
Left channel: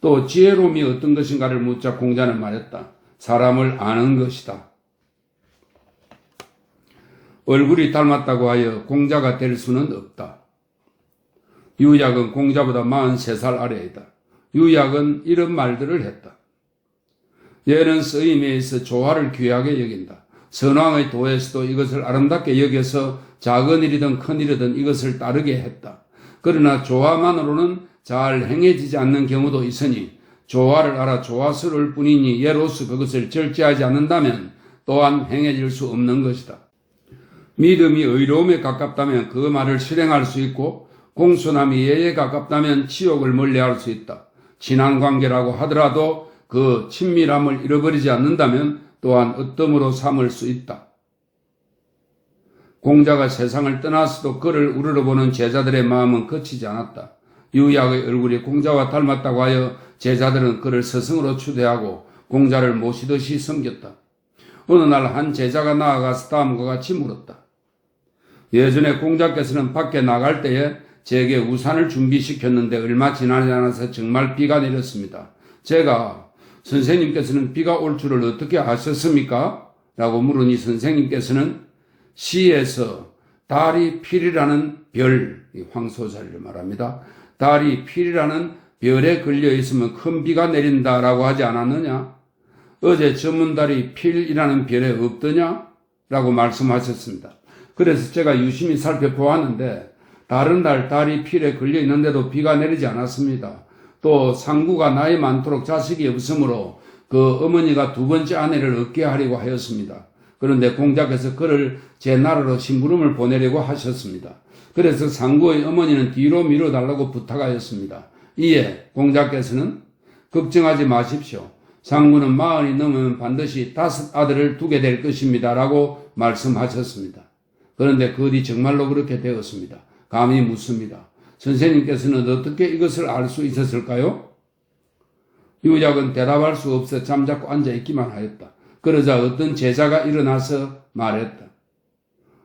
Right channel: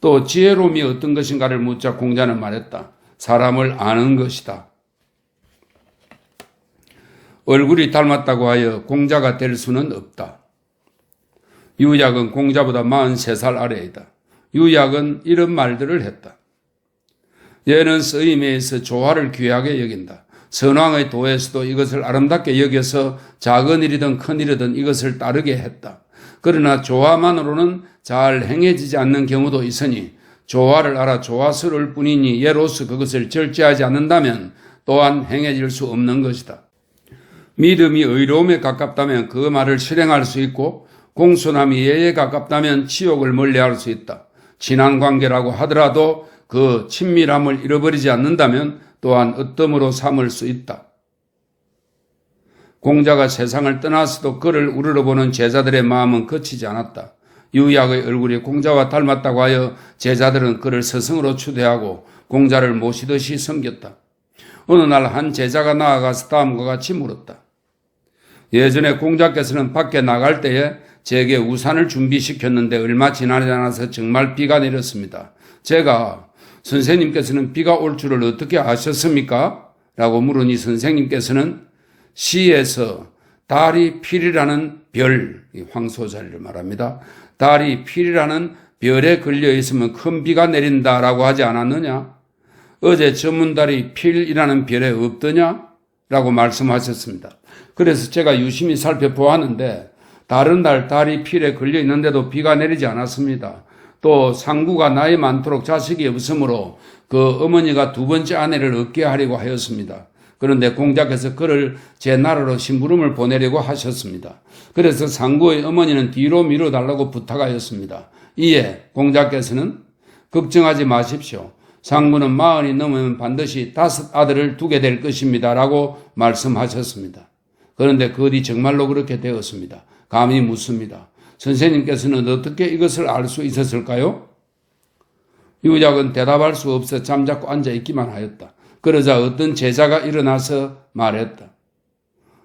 또 지혜로움이 어떤 것인가를 묻자 공자는 말했다. 사람을 아는 것이다. 얼굴이 닮았다고 하여 공자가 될 수는 없다. 유약은 공자보다 43살 아래이다. 유약은 이런 말들을 했다. 얘는 쓰임에 있어 조화를 귀하게 여긴다. 선왕의 도에서도 이것을 아름답게 여겨서 작은 일이든 큰 일이든 이것을 따르게 했다. 그러나 조화만으로는 잘 행해지지 않는 경우도 있으니 조화를 알아 조화스러울 뿐이니 예로서 그것을 절제하지 않는다면 또한 행해질 수 없는 것이다. 믿음이 의로움에 가깝다면 그 말을 실행할 수 있고 공손함이 예에 가깝다면 치욕을 멀리할 수 있다. 친한 관계라고 하더라도 그 친밀함을 잃어버리지 않는다면 또한 으뜸으로 삼을 수 있다. 공자가 세상을 떠나서도 그를 우러러보는 제자들의 마음은 거치지 않았다. 유약의 얼굴이 공자와 닮았다고 하여 제자들은 그를 스승으로 추대하고 공자를 모시듯이 섬겼다. 어느 날 한 제자가 나아가서 다음과 같이 물었다. 예전에 공자께서는 밖에 나갈 때에 제게 우산을 준비시켰는데 얼마 지나지 않아서 정말 비가 내렸습니다. 제가 선생님께서는 비가 올 줄을 어떻게 아셨습니까? 라고 물으니 선생님께서는 시에서 달이 필이라는 별, 황소자리를 말합니다. 달이 필이라는 별에 걸려 있으면 큰 비가 내린다라고 하지 않았느냐? 어제 저문달이 필이라는 별에 없더냐? 라고 말씀하셨습니다. 그래서 제가 유심히 살펴보았는데 다른 달이 필에 걸려 있는데도 비가 내리지 않았습니다. 또 상구가 나이 많도록 자식이 없으므로 그 어머니가 두 번째 아내를 얻게 하려고 하였습니다. 그런데 공자께서 그를 제 나라로 심부름을 보내려고 하셨습니다. 그래서 상구의 어머니는 뒤로 밀어달라고 부탁하였습니다. 이에 공자께서는 걱정하지 마십시오. 상구는 40이 넘으면 반드시 5 아들을 두게 될 것입니다. 라고 말씀하셨습니다. 그런데 그 뒤 정말로 그렇게 되었습니다. 감히 묻습니다. 선생님께서는 어떻게 이것을 알 수 있었을까요? 유작은 대답할 수 없어 잠자코 앉아있기만 하였다. 그러자 어떤 제자가 일어나서 말했다.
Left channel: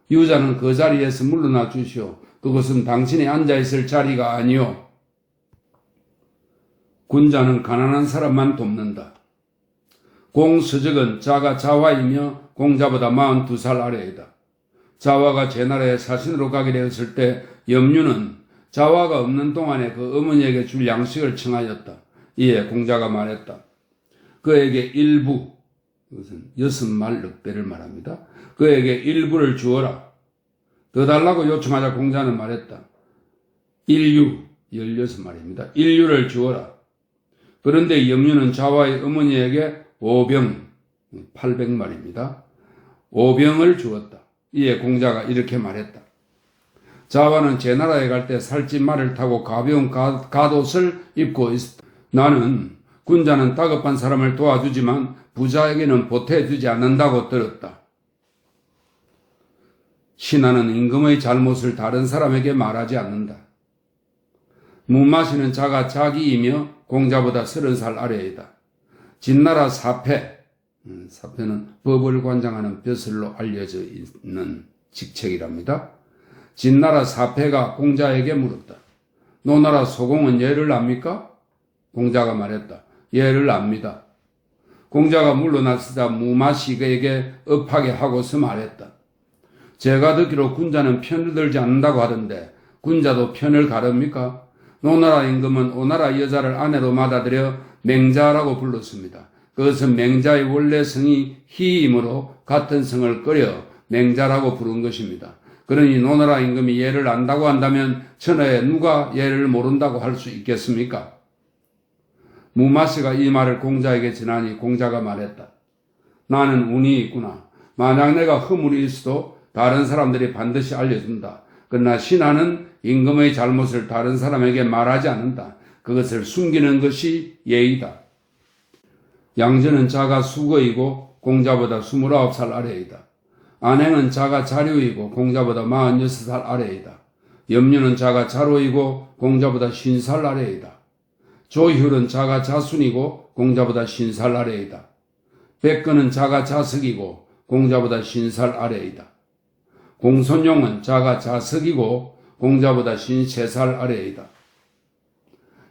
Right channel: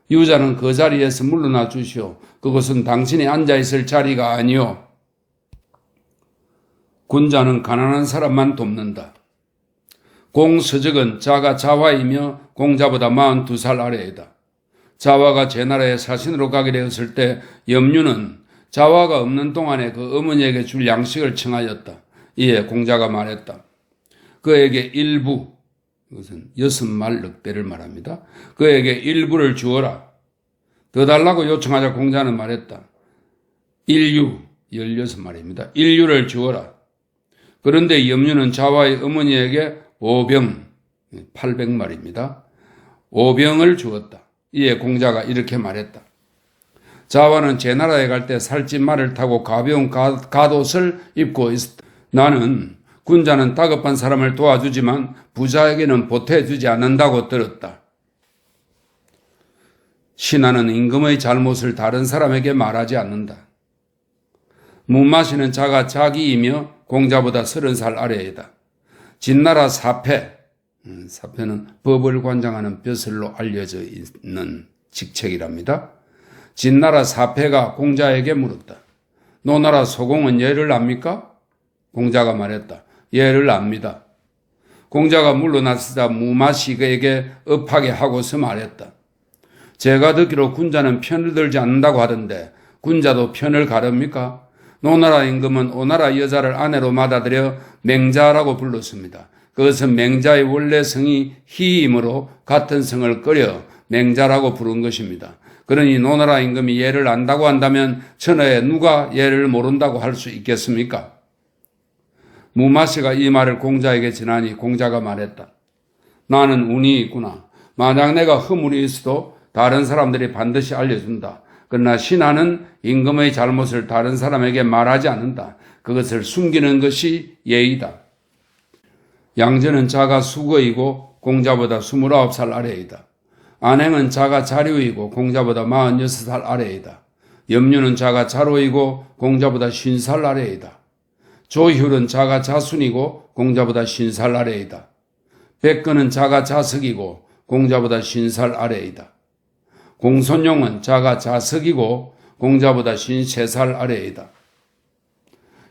유자는 그 자리에서 물러나 주시오. 그것은 당신이 앉아있을 자리가 아니오. 군자는 가난한 사람만 돕는다. 공서적은 자가 자화이며 공자보다 42살 아래이다. 자화가 제나라에 사신으로 가게 되었을 때 염류는 자화가 없는 동안에 그 어머니에게 줄 양식을 청하였다. 이에 공자가 말했다. 그에게 일부, 이것은 6말 넉대를 말합니다. 그에게 일부를 주어라. 더 달라고 요청하자 공자는 말했다. 일유, 16말입니다. 일유를 주어라. 그런데 염류는 자화의 어머니에게 5병, 800말입니다. 5병을 주었다. 이에 공자가 이렇게 말했다. 자화는 제나라에 갈 때 살찐 말을 타고 가벼운 갓옷을 입고 있었다. 나는 군자는 다급한 사람을 도와주지만 부자에게는 보태주지 않는다고 들었다. 신하는 임금의 잘못을 다른 사람에게 말하지 않는다. 무마시는 자가 자기이며 공자보다 30살 아래이다. 진나라 사패, 사패는 법을 관장하는 벼슬로 알려져 있는 직책이랍니다. 진나라 사패가 공자에게 물었다. 노나라 소공은 예를 압니까? 공자가 말했다. 예를 압니다. 공자가 물러나서자 무마시 그에게 업하게 하고서 말했다. 제가 듣기로 군자는 편을 들지 않는다고 하던데 군자도 편을 가릅니까? 노나라 임금은 오나라 여자를 아내로 받아들여 맹자라고 불렀습니다. 그것은 맹자의 원래 성이 희이므로 같은 성을 끓여 맹자라고 부른 것입니다. 그러니 노나라 임금이 예를 안다고 한다면 천하에 누가 예를 모른다고 할 수 있겠습니까? 무마씨가 이 말을 공자에게 전하니 공자가 말했다. 나는 운이 있구나. 만약 내가 허물이 있어도 다른 사람들이 반드시 알려준다. 그러나 신하는 임금의 잘못을 다른 사람에게 말하지 않는다. 그것을 숨기는 것이 예의다. 양전은 자가 수거이고 공자보다 29살 아래이다. 안행은 자가 자류이고 공자보다 46살 아래이다. 염류는 자가 자로이고 공자보다 50살 아래이다. 조효는 자가 자순이고 공자보다 50살 아래이다. 백근은 자가 자석이고 공자보다 50살 아래이다. 공손용은 자가 자석이고 공자보다 53살 아래이다.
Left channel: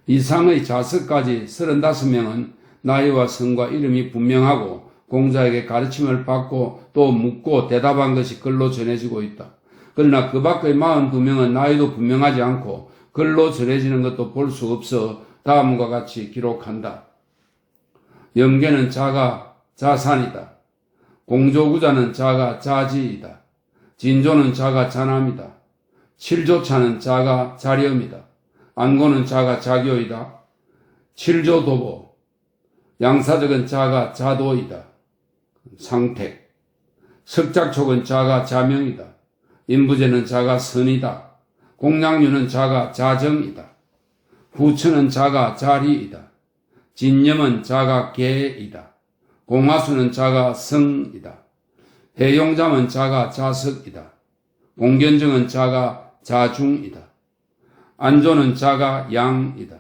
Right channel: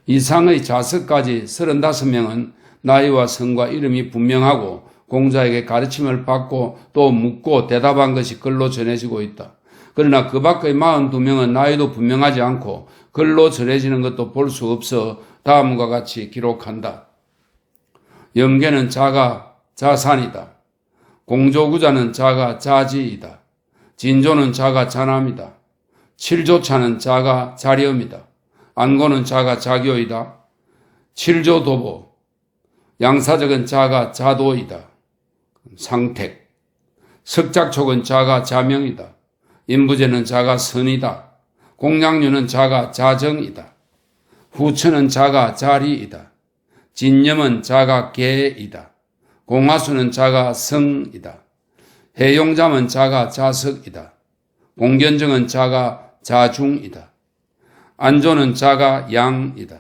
이상의 자석까지 35명은 나이와 성과 이름이 분명하고 공자에게 가르침을 받고 또 묻고 대답한 것이 글로 전해지고 있다. 그러나 그 밖의 42명은 나이도 분명하지 않고 글로 전해지는 것도 볼 수 없어 다음과 같이 기록한다. 영계는 자가 자산이다. 공조구자는 자가 자지이다. 진조는 자가 자남이다. 칠조차는 자가 자렴이다. 안고는 자가 자교이다. 칠조도보 양사적은 자가 자도이다. 상택 석작촉은 자가 자명이다. 인부제는 자가 선이다. 공양류는 자가 자정이다. 후천은 자가 자리이다. 진념은 자가 계이다. 공하수는 자가 성이다. 해용잠은 자가 자석이다. 공견정은 자가 자중이다. 안조는 자가 양이다.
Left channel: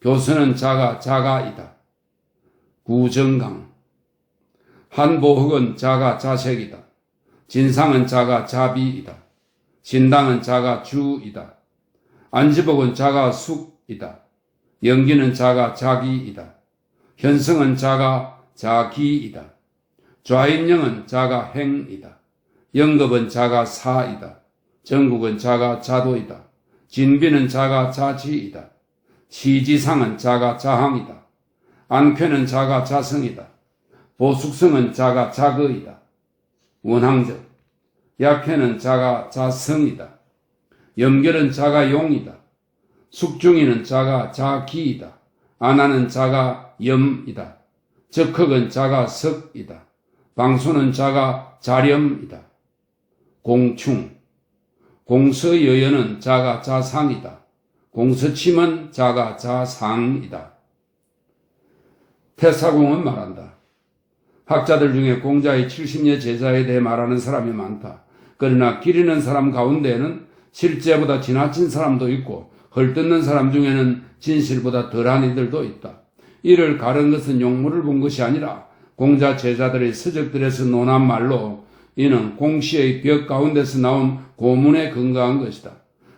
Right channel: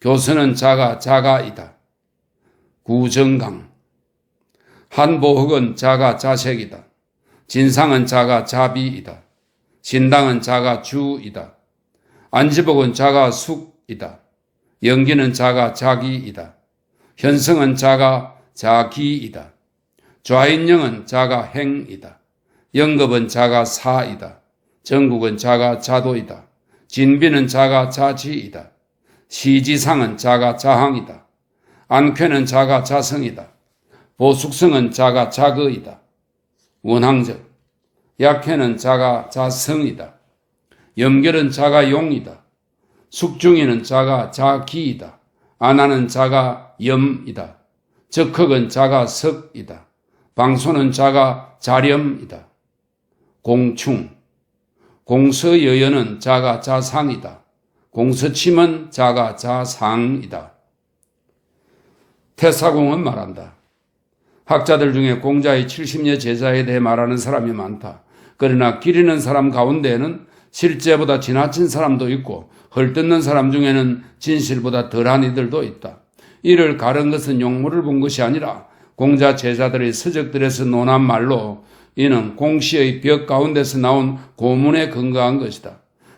교선은 자가 자가이다. 구정강 한보흑은 자가 자색이다. 진상은 자가 자비이다. 신당은 자가 주이다. 안지복은 자가 숙이다. 영기는 자가 자기이다. 현성은 자가 자기이다. 좌인영은 자가 행이다. 영급은 자가 사이다. 정국은 자가 자도이다. 진비는 자가 자지이다. 시지상은 자가 자항이다. 안쾌는 자가 자성이다. 보숙성은 자가 자거이다. 원항적 약해는 자가 자성이다. 염결은 자가 용이다. 숙중이는 자가 자기이다. 안하는 자가 염이다. 적흑은 자가 석이다. 방소는 자가 자렴이다. 공충 공서여연은 자가 자상이다. 공서침은 자가 자상이다. 태사공은 말한다. 학자들 중에 공자의 70여 제자에 대해 말하는 사람이 많다. 그러나 기리는 사람 가운데에는 실제보다 지나친 사람도 있고 헐뜯는 사람 중에는 진실보다 덜한 이들도 있다. 이를 가른 것은 용모를 본 것이 아니라 공자 제자들의 서적들에서 논한 말로 이는 공시의 벽 가운데서 나온 고문에 근거한 것이다.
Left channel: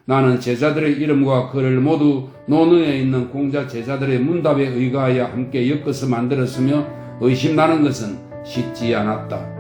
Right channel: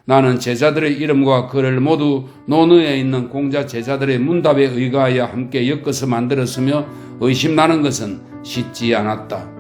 나는 제자들의 이름과 글을 모두 논어에 있는 공자 제자들의 문답에 의거하여 함께 엮어서 만들었으며 의심나는 것은 쉽지 않았다.